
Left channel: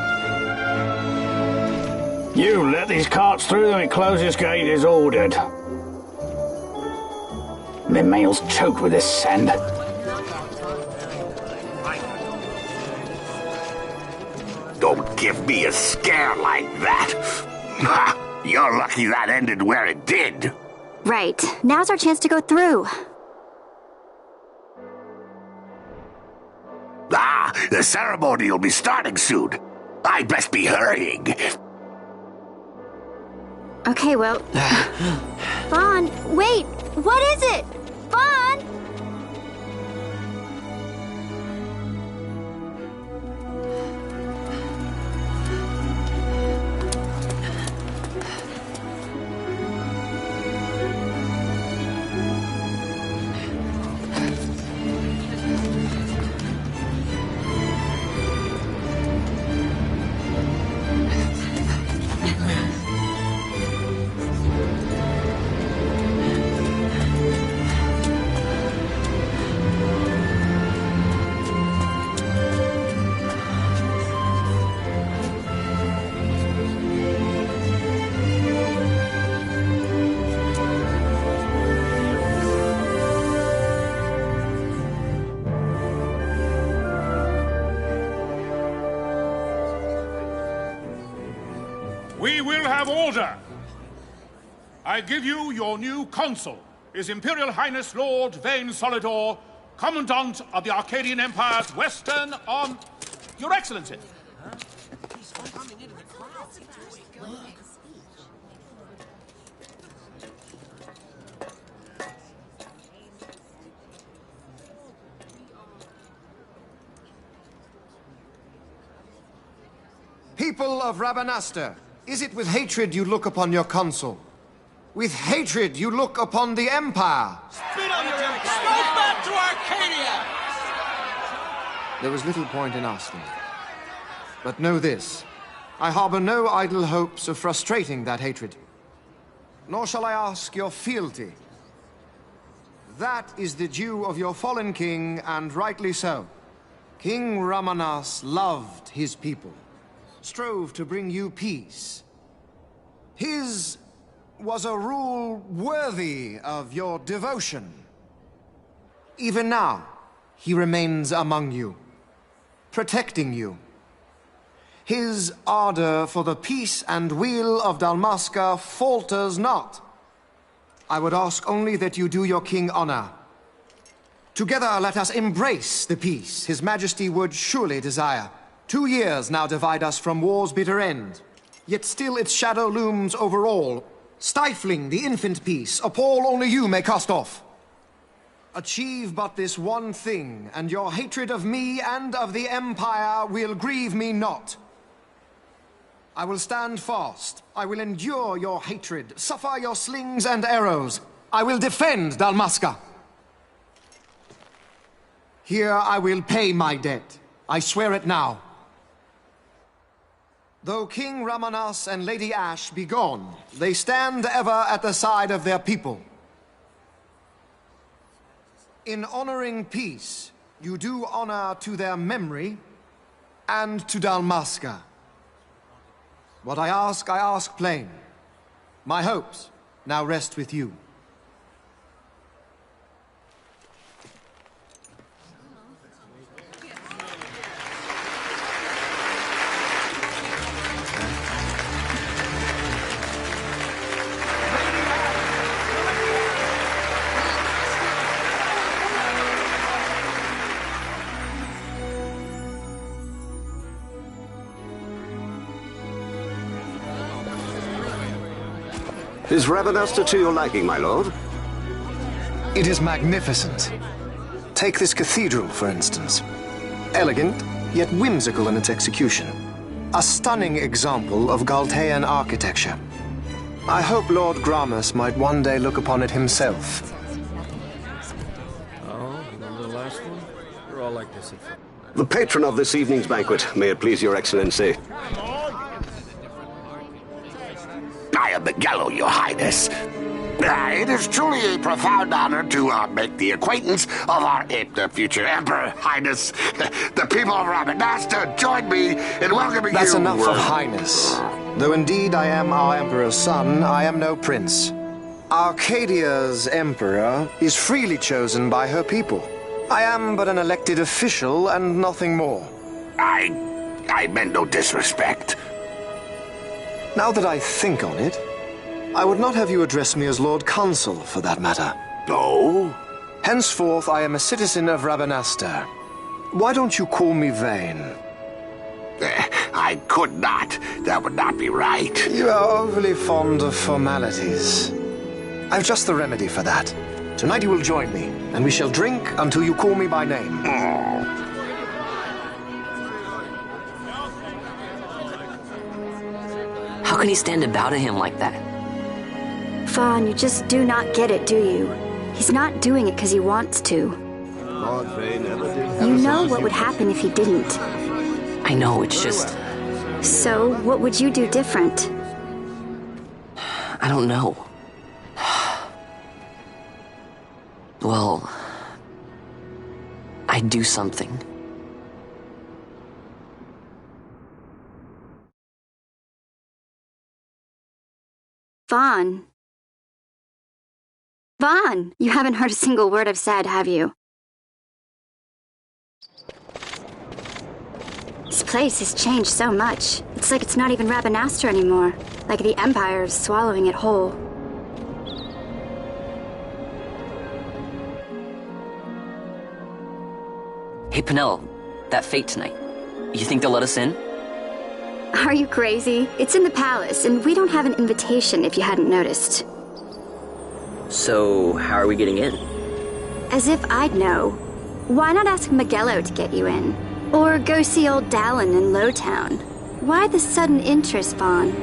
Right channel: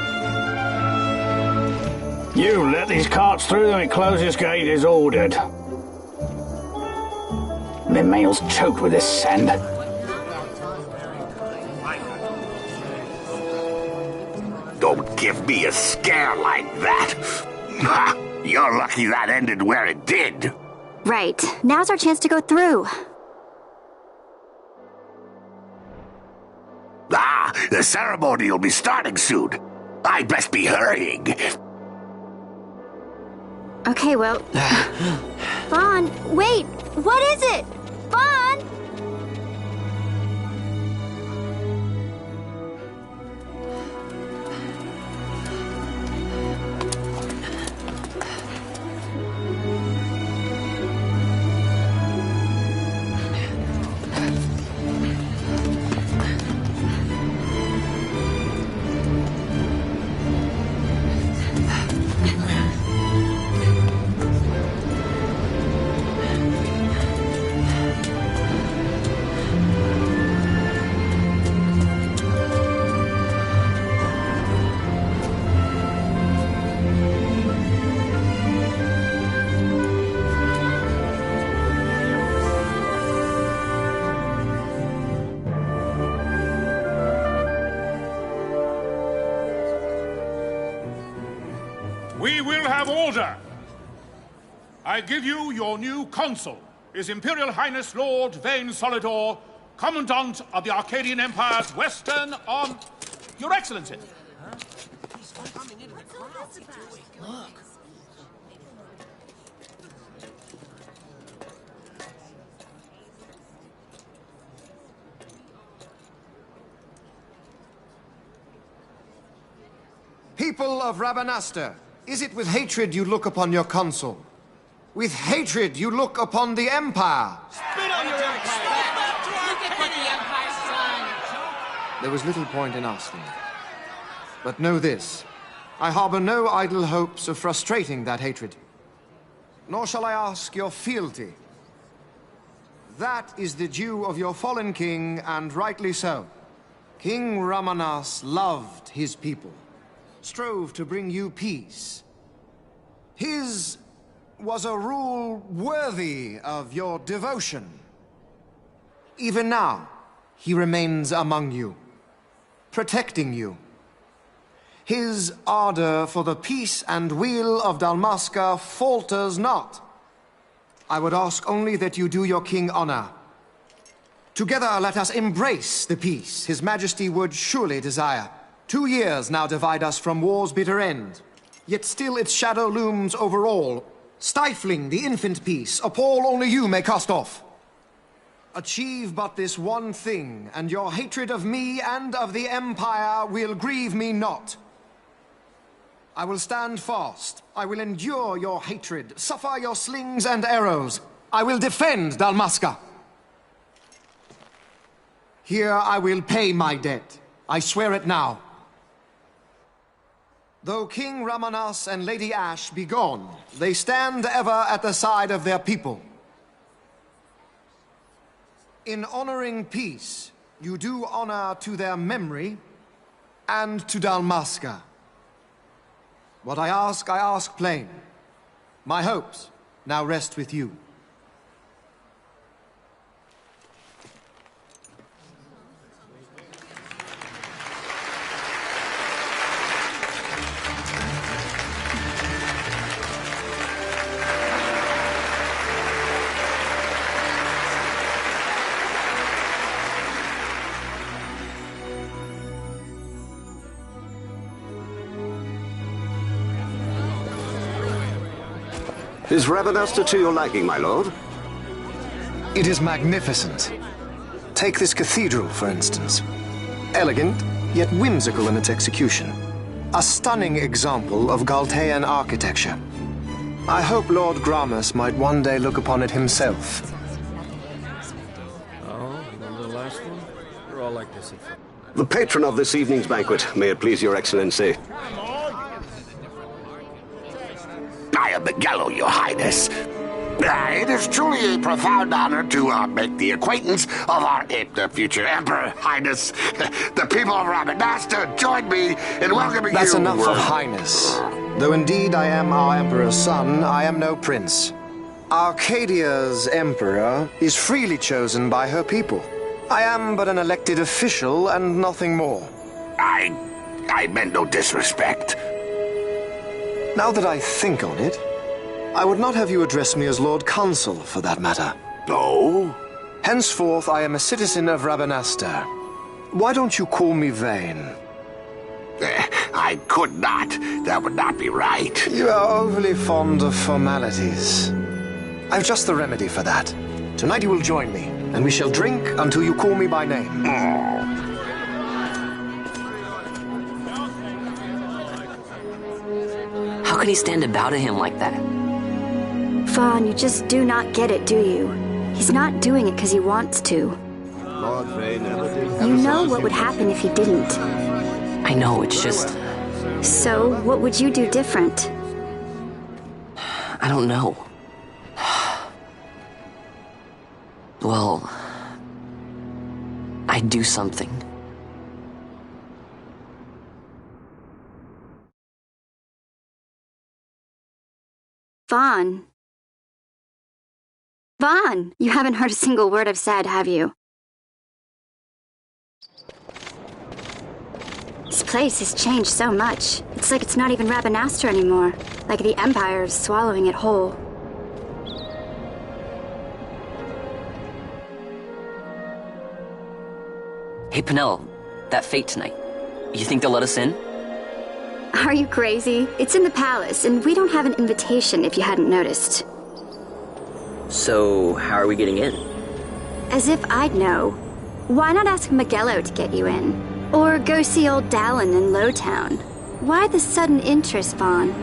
You let these carts through and close this gate as ordered. My mail's choked with this sand. Don't give me a scare like that. You're lucky that ended where it did. Right. Now's our chance to go through. The ceremony will be starting soon. I'd best be hurrying. Okay, well... Vaughn, wait! What is it? Vaughn! We will have order. I give you your new consul, His Imperial Highness Lord Vane Solidor, Commandant of the Arcadian Empire's Western on... Your Excellency. People of Rabanastre, is it with hatred you look upon your consul? With hatred you look upon the Empire? Spit on your empire! Go back to Arcadia! There was little point in asking. But know this, I harbor no idle hopes of frustrating that hatred. Nor shall I ask your fealty. That is the due of your fallen king, and rightly so. King Ramanas loved his people, strove to bring you peace. His was a rule worthy of your devotion. Even now, he remains among you, protecting you. His ardor for the peace and weal of Dalmasca falters not. I would ask only that you do your king honor. Together let us embrace the peace His Majesty would surely desire. 2 years now divide us from war's bitter end, yet still its shadow looms over all, stifling the infant peace a pall only you may cast off. Achieve but this one thing, and your hatred of me and of the Empire will grieve me not. I will stand fast. I will endure your hatred, suffer your slings and arrows. I will defend Dalmasca. Here I will pay my debt. I swear it now. Though King Ramanas and Lady Ash be gone, they stand ever at the side of their people. In honoring peace, you do honor to their memory and to Dalmasca. What I ask plain. My hopes now rest with you. Is Rabanastre to your liking, my lord? It is magnificent. Take this cathedral, for instance. Elegant, yet whimsical in its execution. A stunning example of Galtean architecture. I hope Lord Gramus might one day look upon it himself. Oh, remember the last one? We're all like this. The patron of this evening's banquet, may it please your excellency. I am Miguel, your highness. It is truly a profound honor to make the acquaintance of our future emperor, highness. The people of Rabanastre join me in welcoming you. That's enough of highness. Though indeed I am our emperor's son, I am no prince. Arcadia's emperor is freely chosen by her people. I am but an elected official and nothing more. I meant no disrespect. Now that I think on it, I would not have you address me as Lord Consul, for that matter. Oh? Henceforth, I am a citizen of Rabanastre. Why don't you call me Vane? I could not. That would not be right. You are overly fond of formalities. I've just the remedy for that. Tonight you will join me, and we shall drink until you call me by name. How can he stand about at him like that? Vaughn, you just do not get it, do you? He's not doing it because he wants to. Lord Vane never did. You know what would happen if he didn't. I know, it's just... So, what would you do different? I don't know. Well... I'd do something. Vaughn. Vaughn! You haven't heard a single word I've said, have you? This place has changed so much. It's like it's not even Rabanastre anymore. Like the Empire is swallowing it whole. Hey, Penelo, that fete tonight. You think they'll let us in? Are you crazy? It's in the palace, and we don't have an invitation if you hadn't noticed. So, how are we getting in? As if I'd know. Why not ask Magello to get you in? Or go see old Dallin in Lowtown? Why the sudden interest, Vaughn?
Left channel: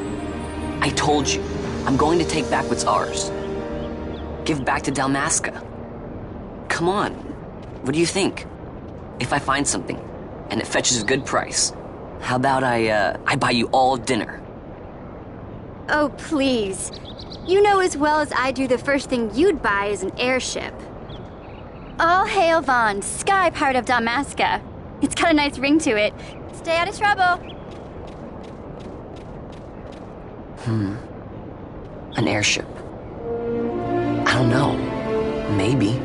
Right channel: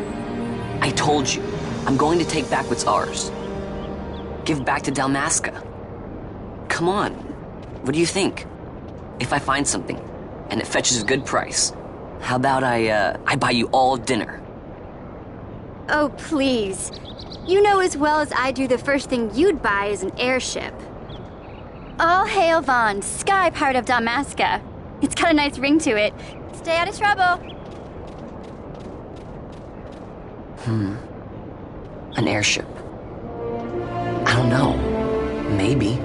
I told you, I'm going to take back what's ours. Give back to Dalmasca. Come on, what do you think? If I find something, and it fetches a good price, how about I buy you all dinner? Oh, please. You know as well as I do the first thing you'd buy is an airship. All hail Vaughn, sky part of Dalmasca. It's got a nice ring to it. Stay out of trouble. An airship. I don't know. Maybe.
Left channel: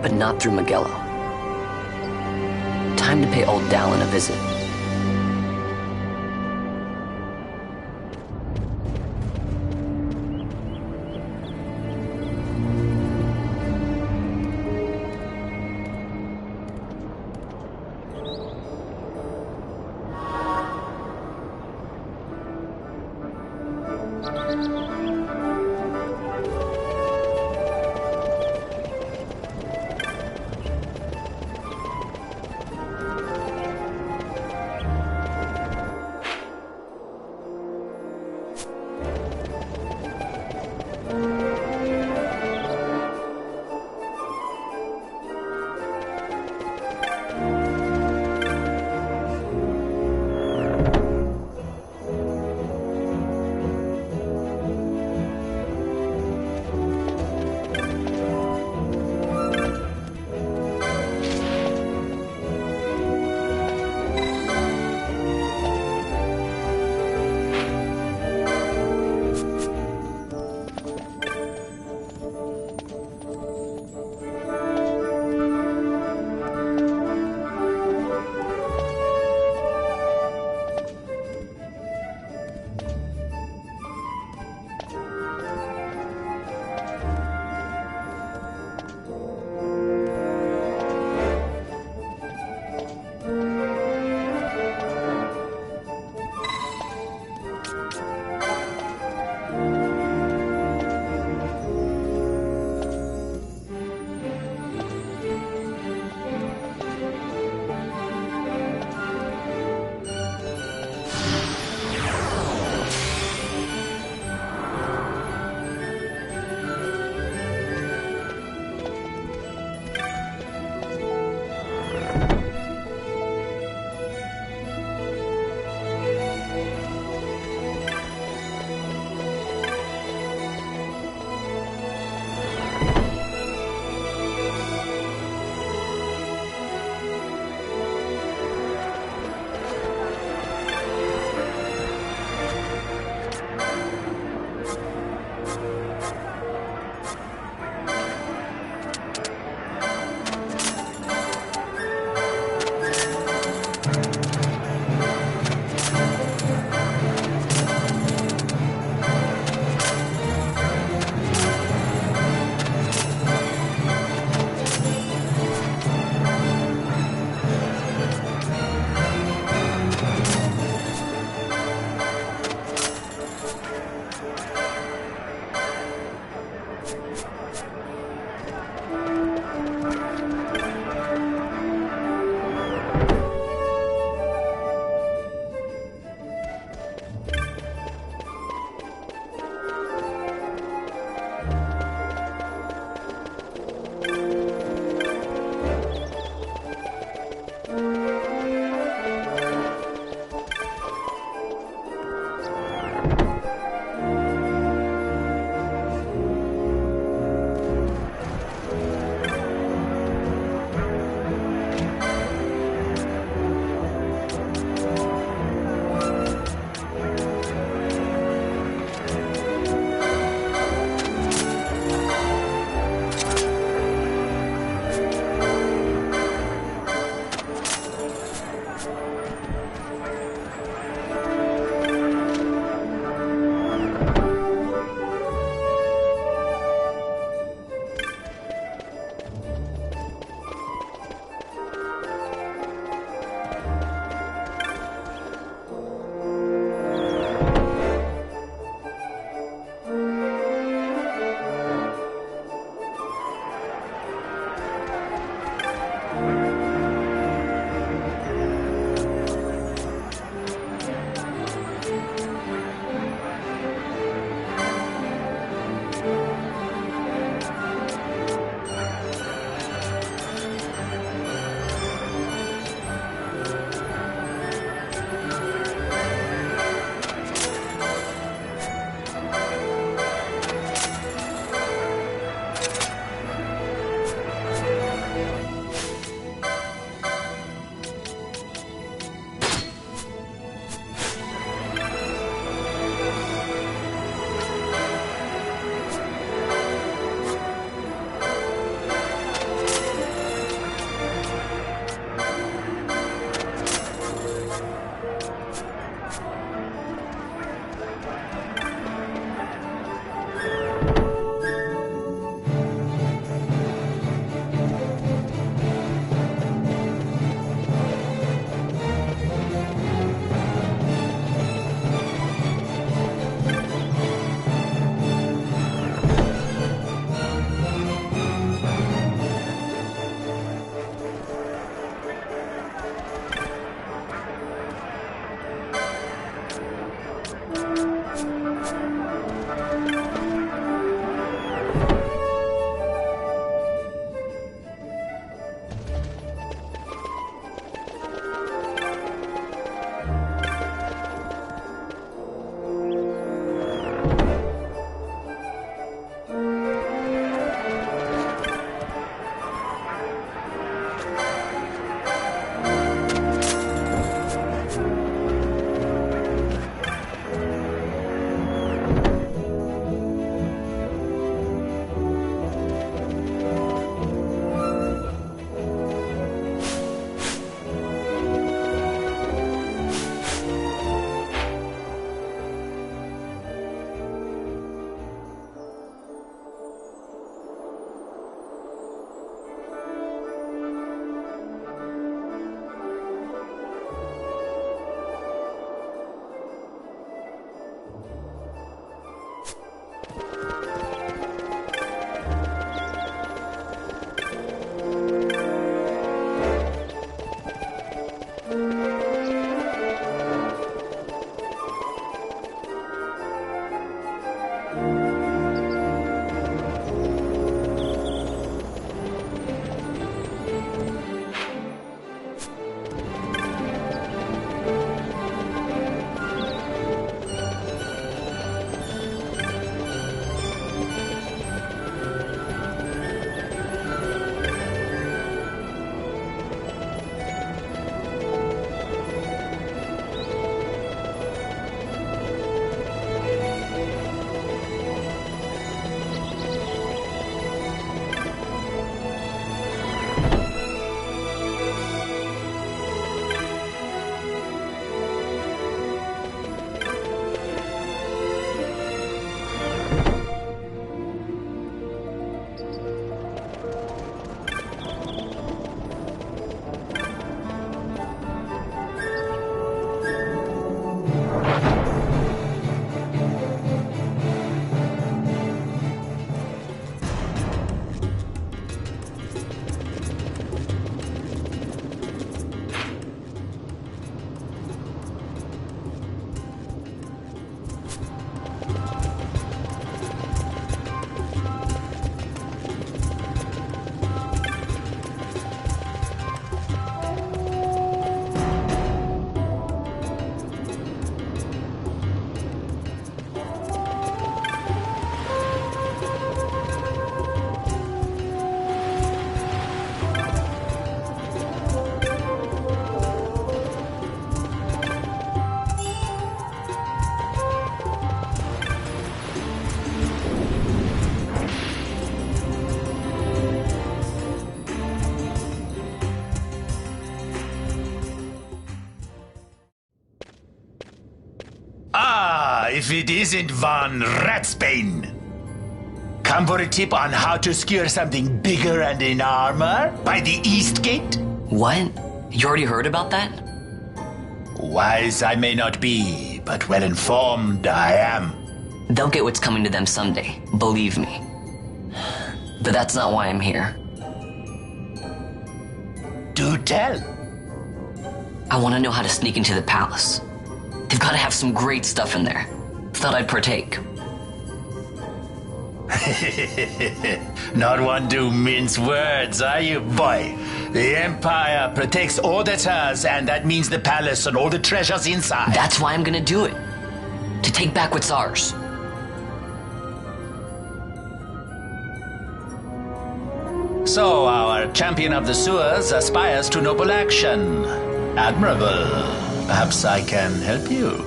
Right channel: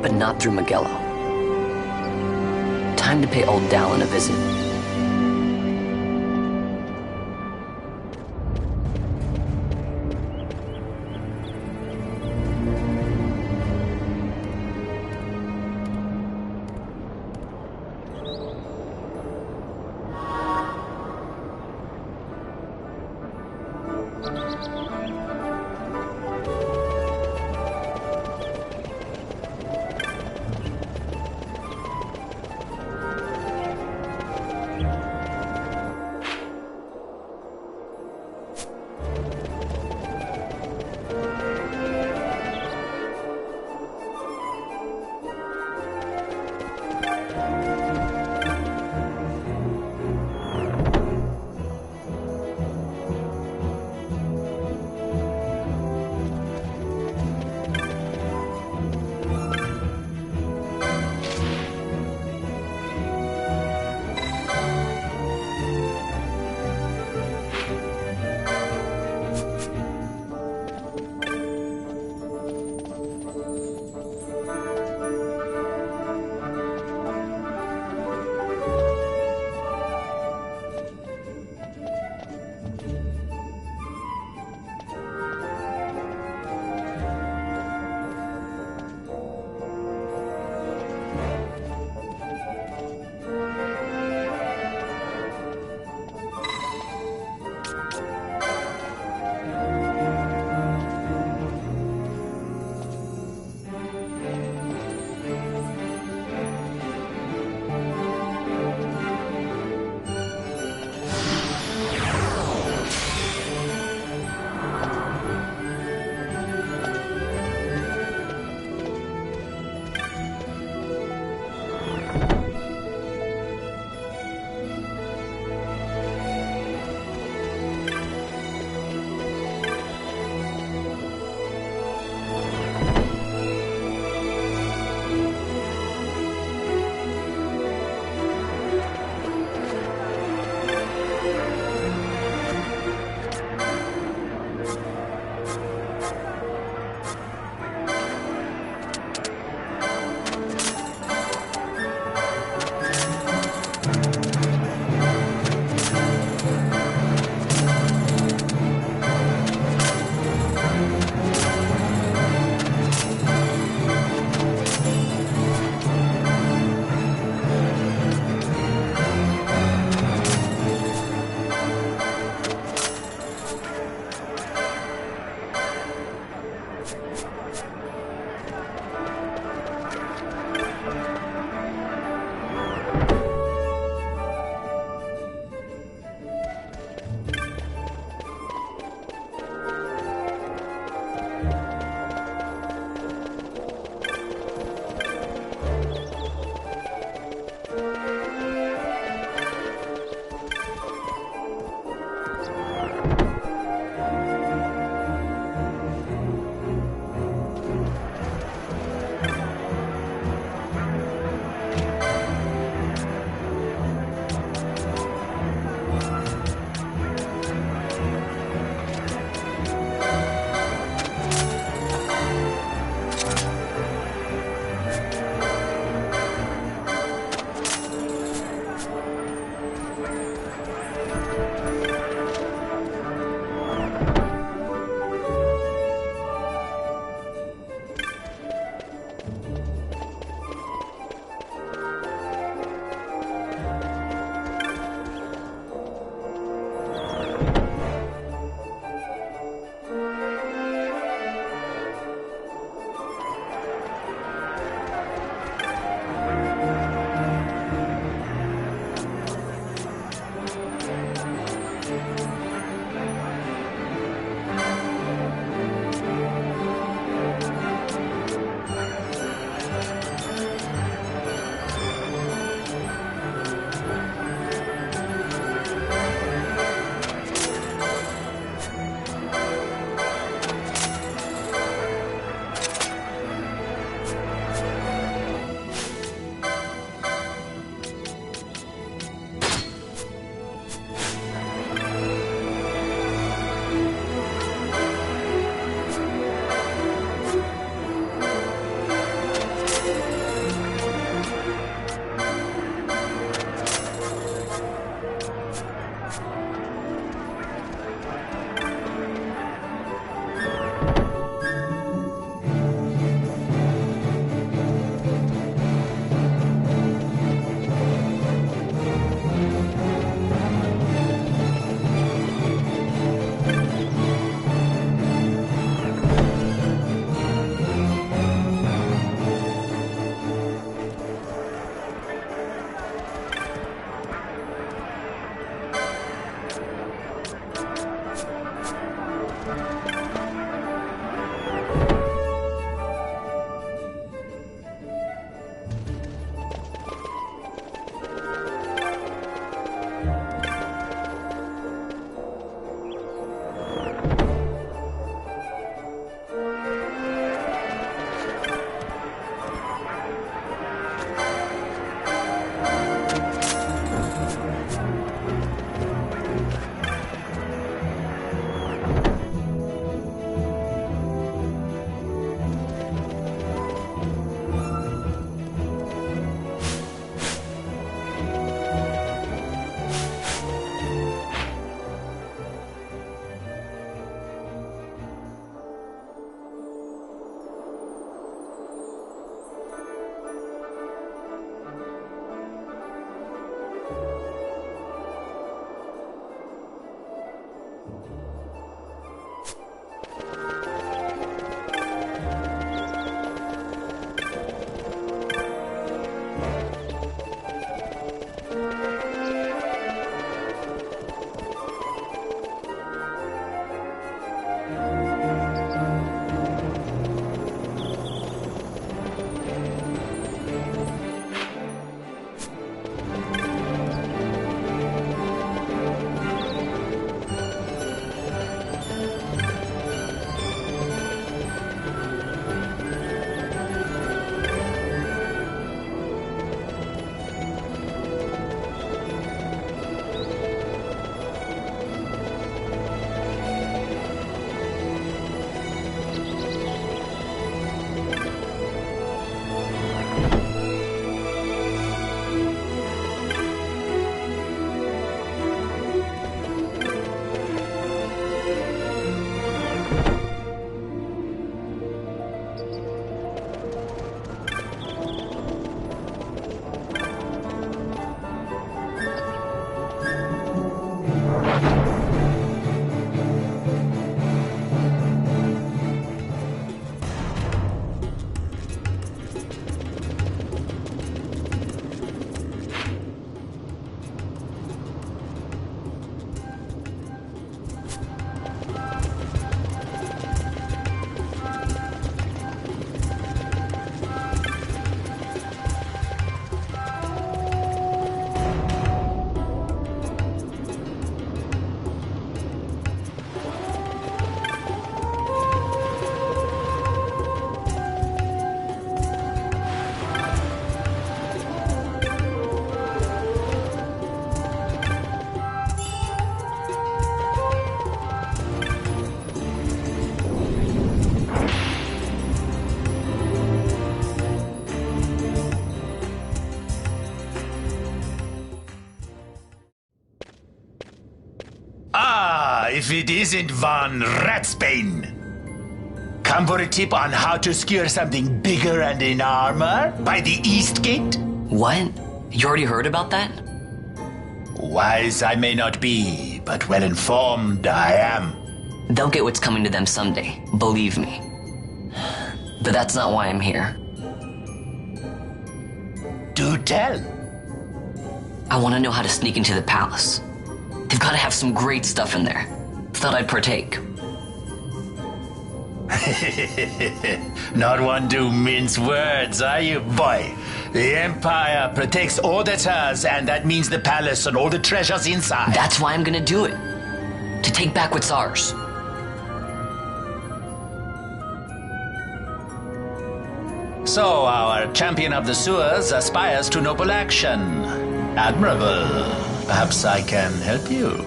But not through Magello. Time to pay old Dallin a visit. if it isn't Von Ratsbane. Come for a tip on how to secure something bigger and in armor by the East Gate? What? You already heard about that? Wise I may not be, but well informed I am. They'll get what's coming to them someday, believe me. But that's not why I'm here. Do tell. I want to know how to sneak into the palace. They've got to have some great stuff in there. Thought I'd partake. Not one to mince words, are you, boy? The Empire protects all that's hers, and that means the palace and all the treasures inside. That's why I'm gonna do it. To take back what's ours. So, our champion of the sewers aspires to noble action. Admirable. Perhaps I can help you.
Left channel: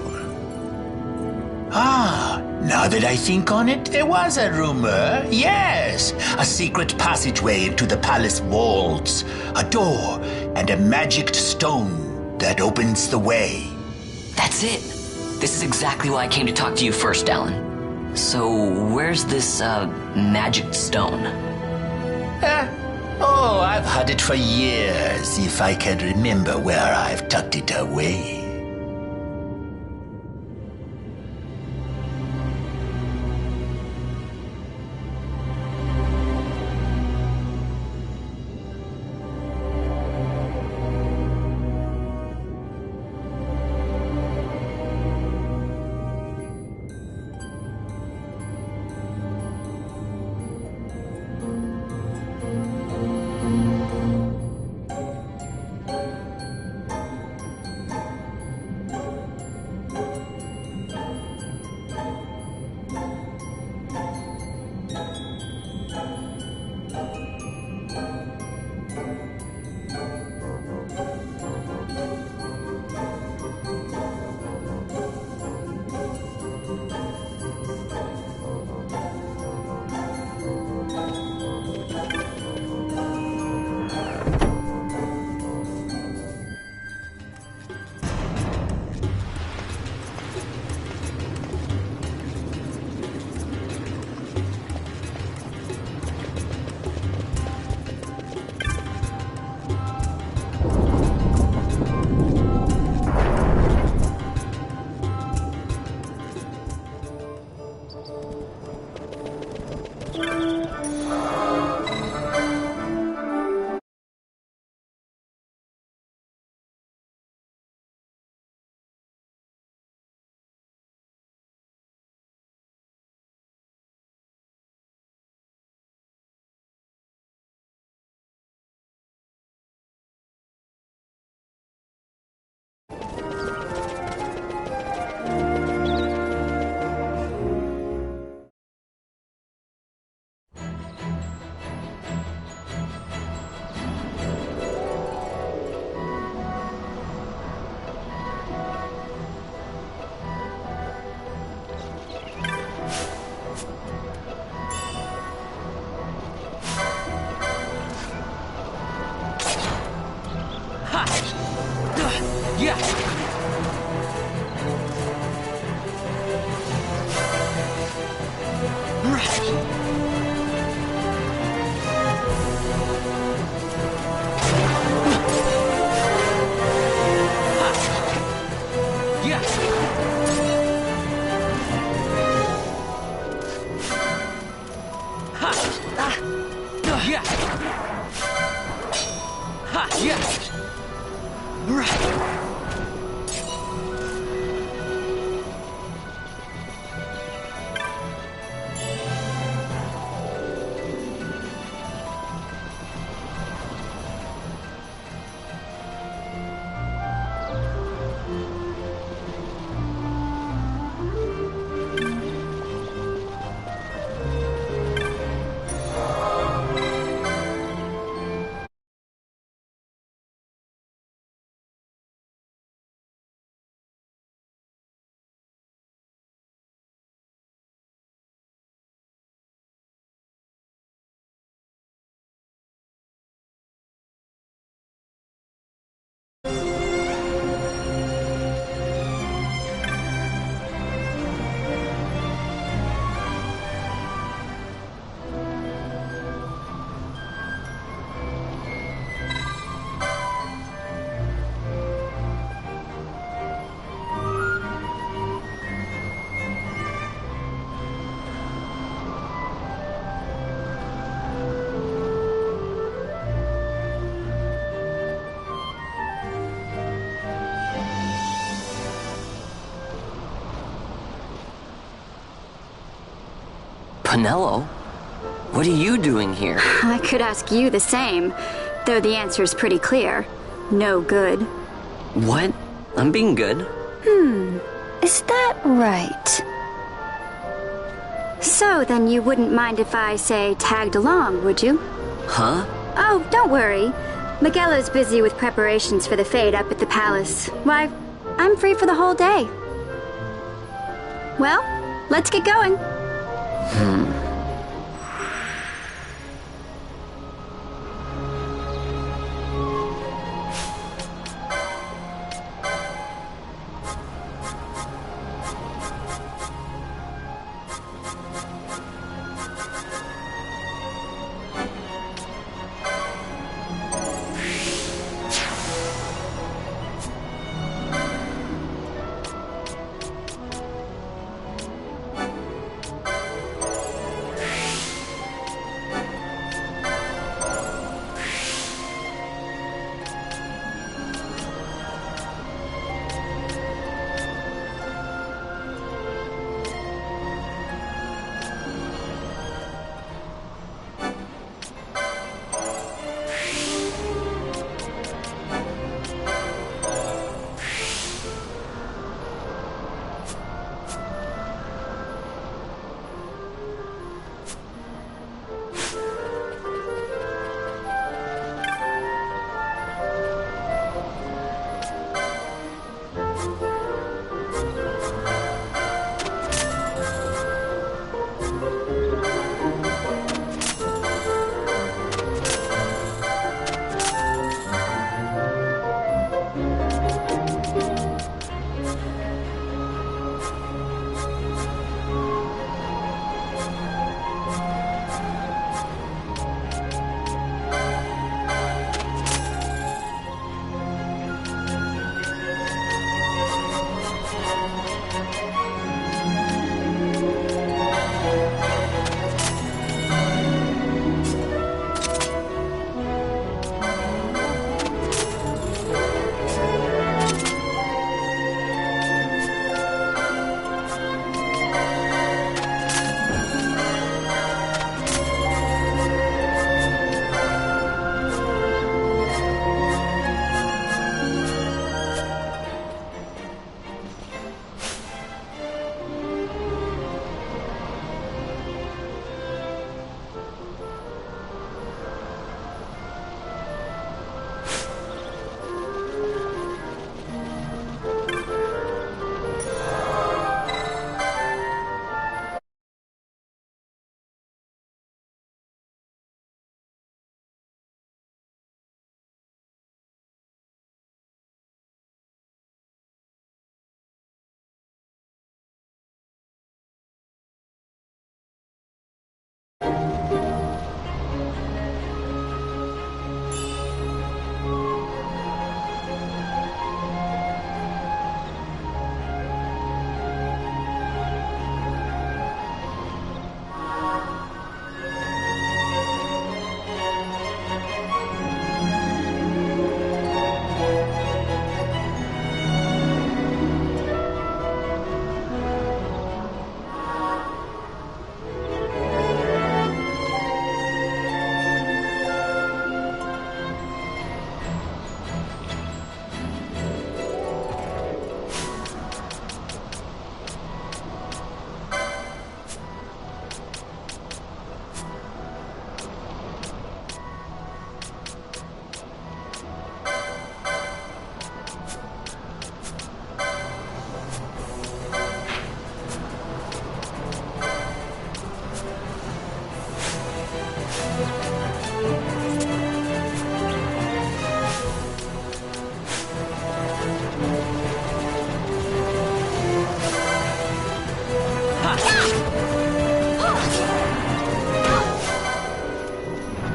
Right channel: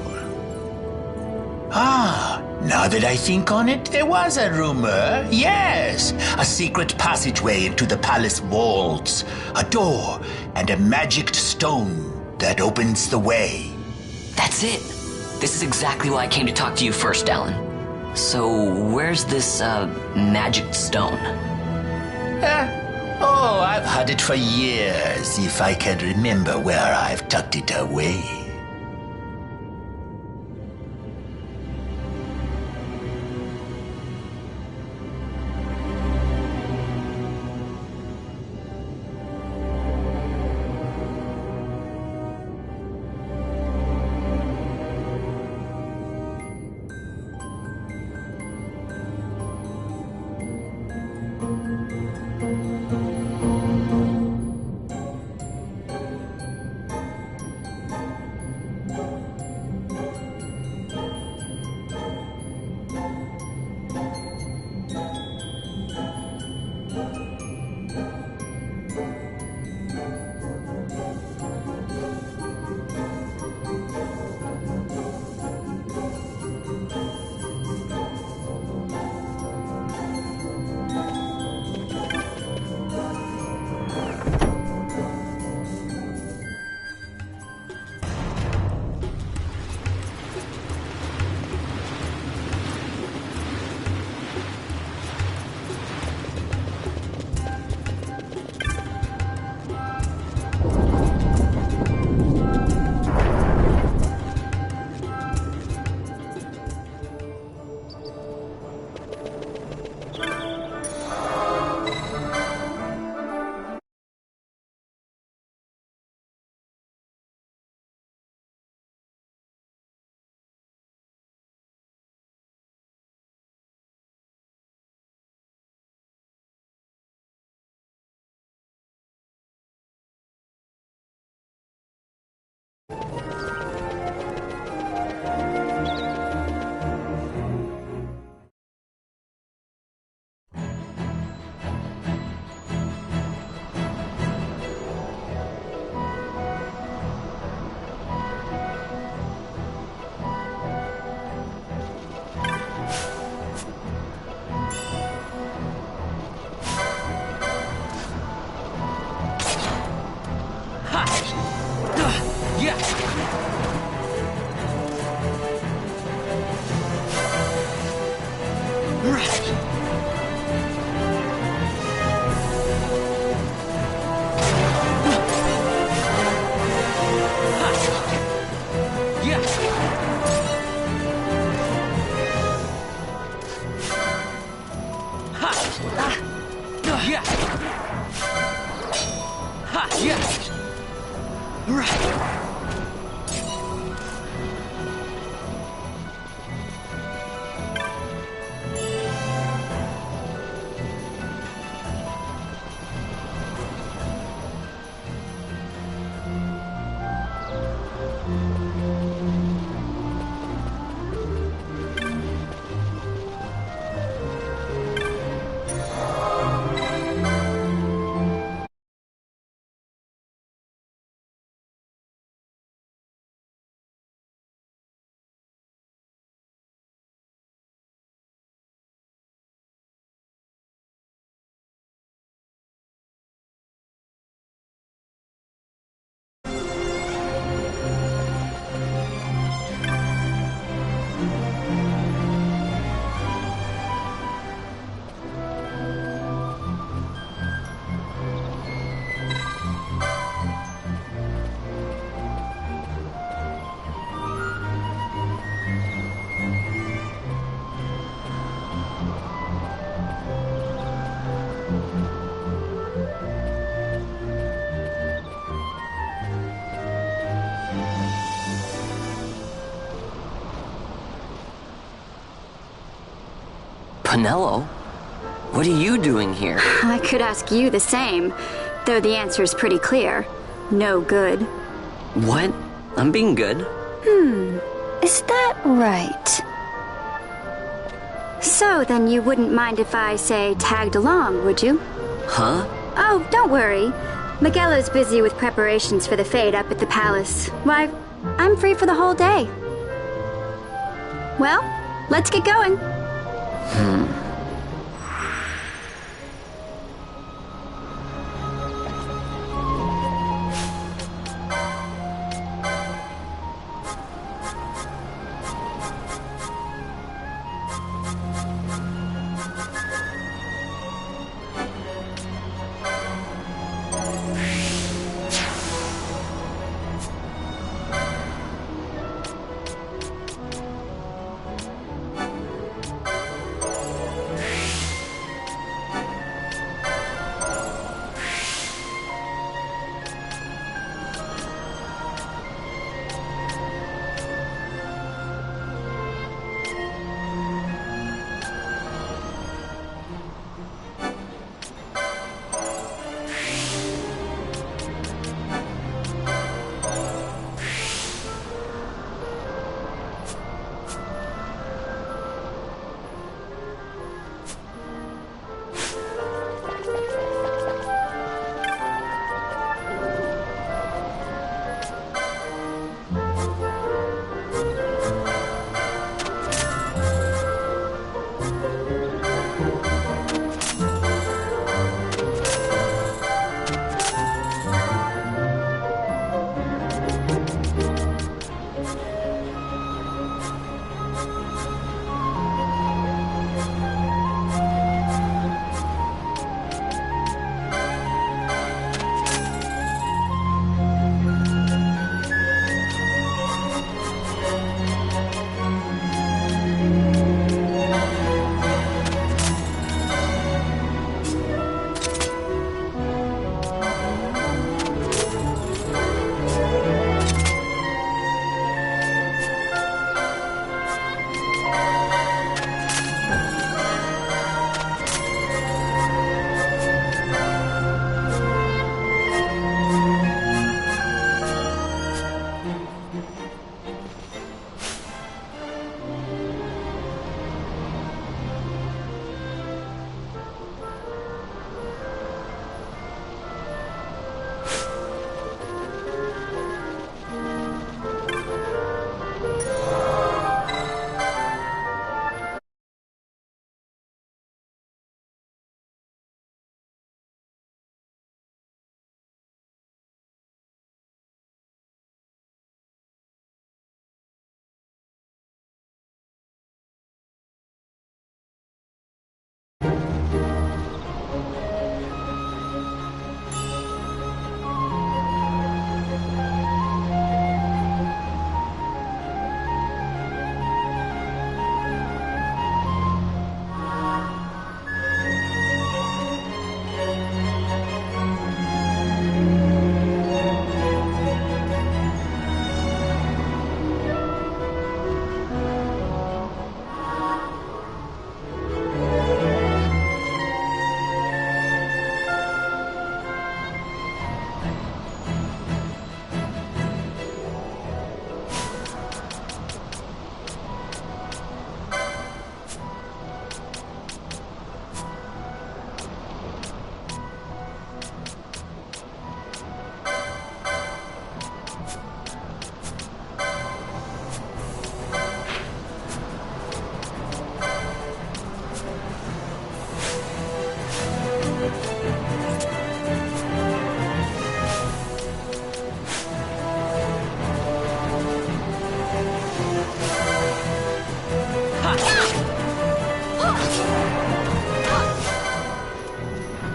Now that I think on it, there was a rumor. Yes, a secret passageway into the palace walls, a door, and a magic stone that opens the way. That's it. This is exactly why I came to talk to you first, Alan. So, where's this, magic stone? I've had it for years, if I can remember where I've tucked it away. Penelo? What are you doing here? I could ask you the same, though the answer's pretty clear. No good. What? I'm being good. Is that right? So then you wouldn't mind if I, say, tagged along, would you? Huh? Oh, don't worry. Miguelo's busy with preparations for the fete up at the palace. Why, I'm free for the whole day. Well, let's get going.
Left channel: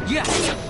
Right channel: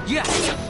Yes!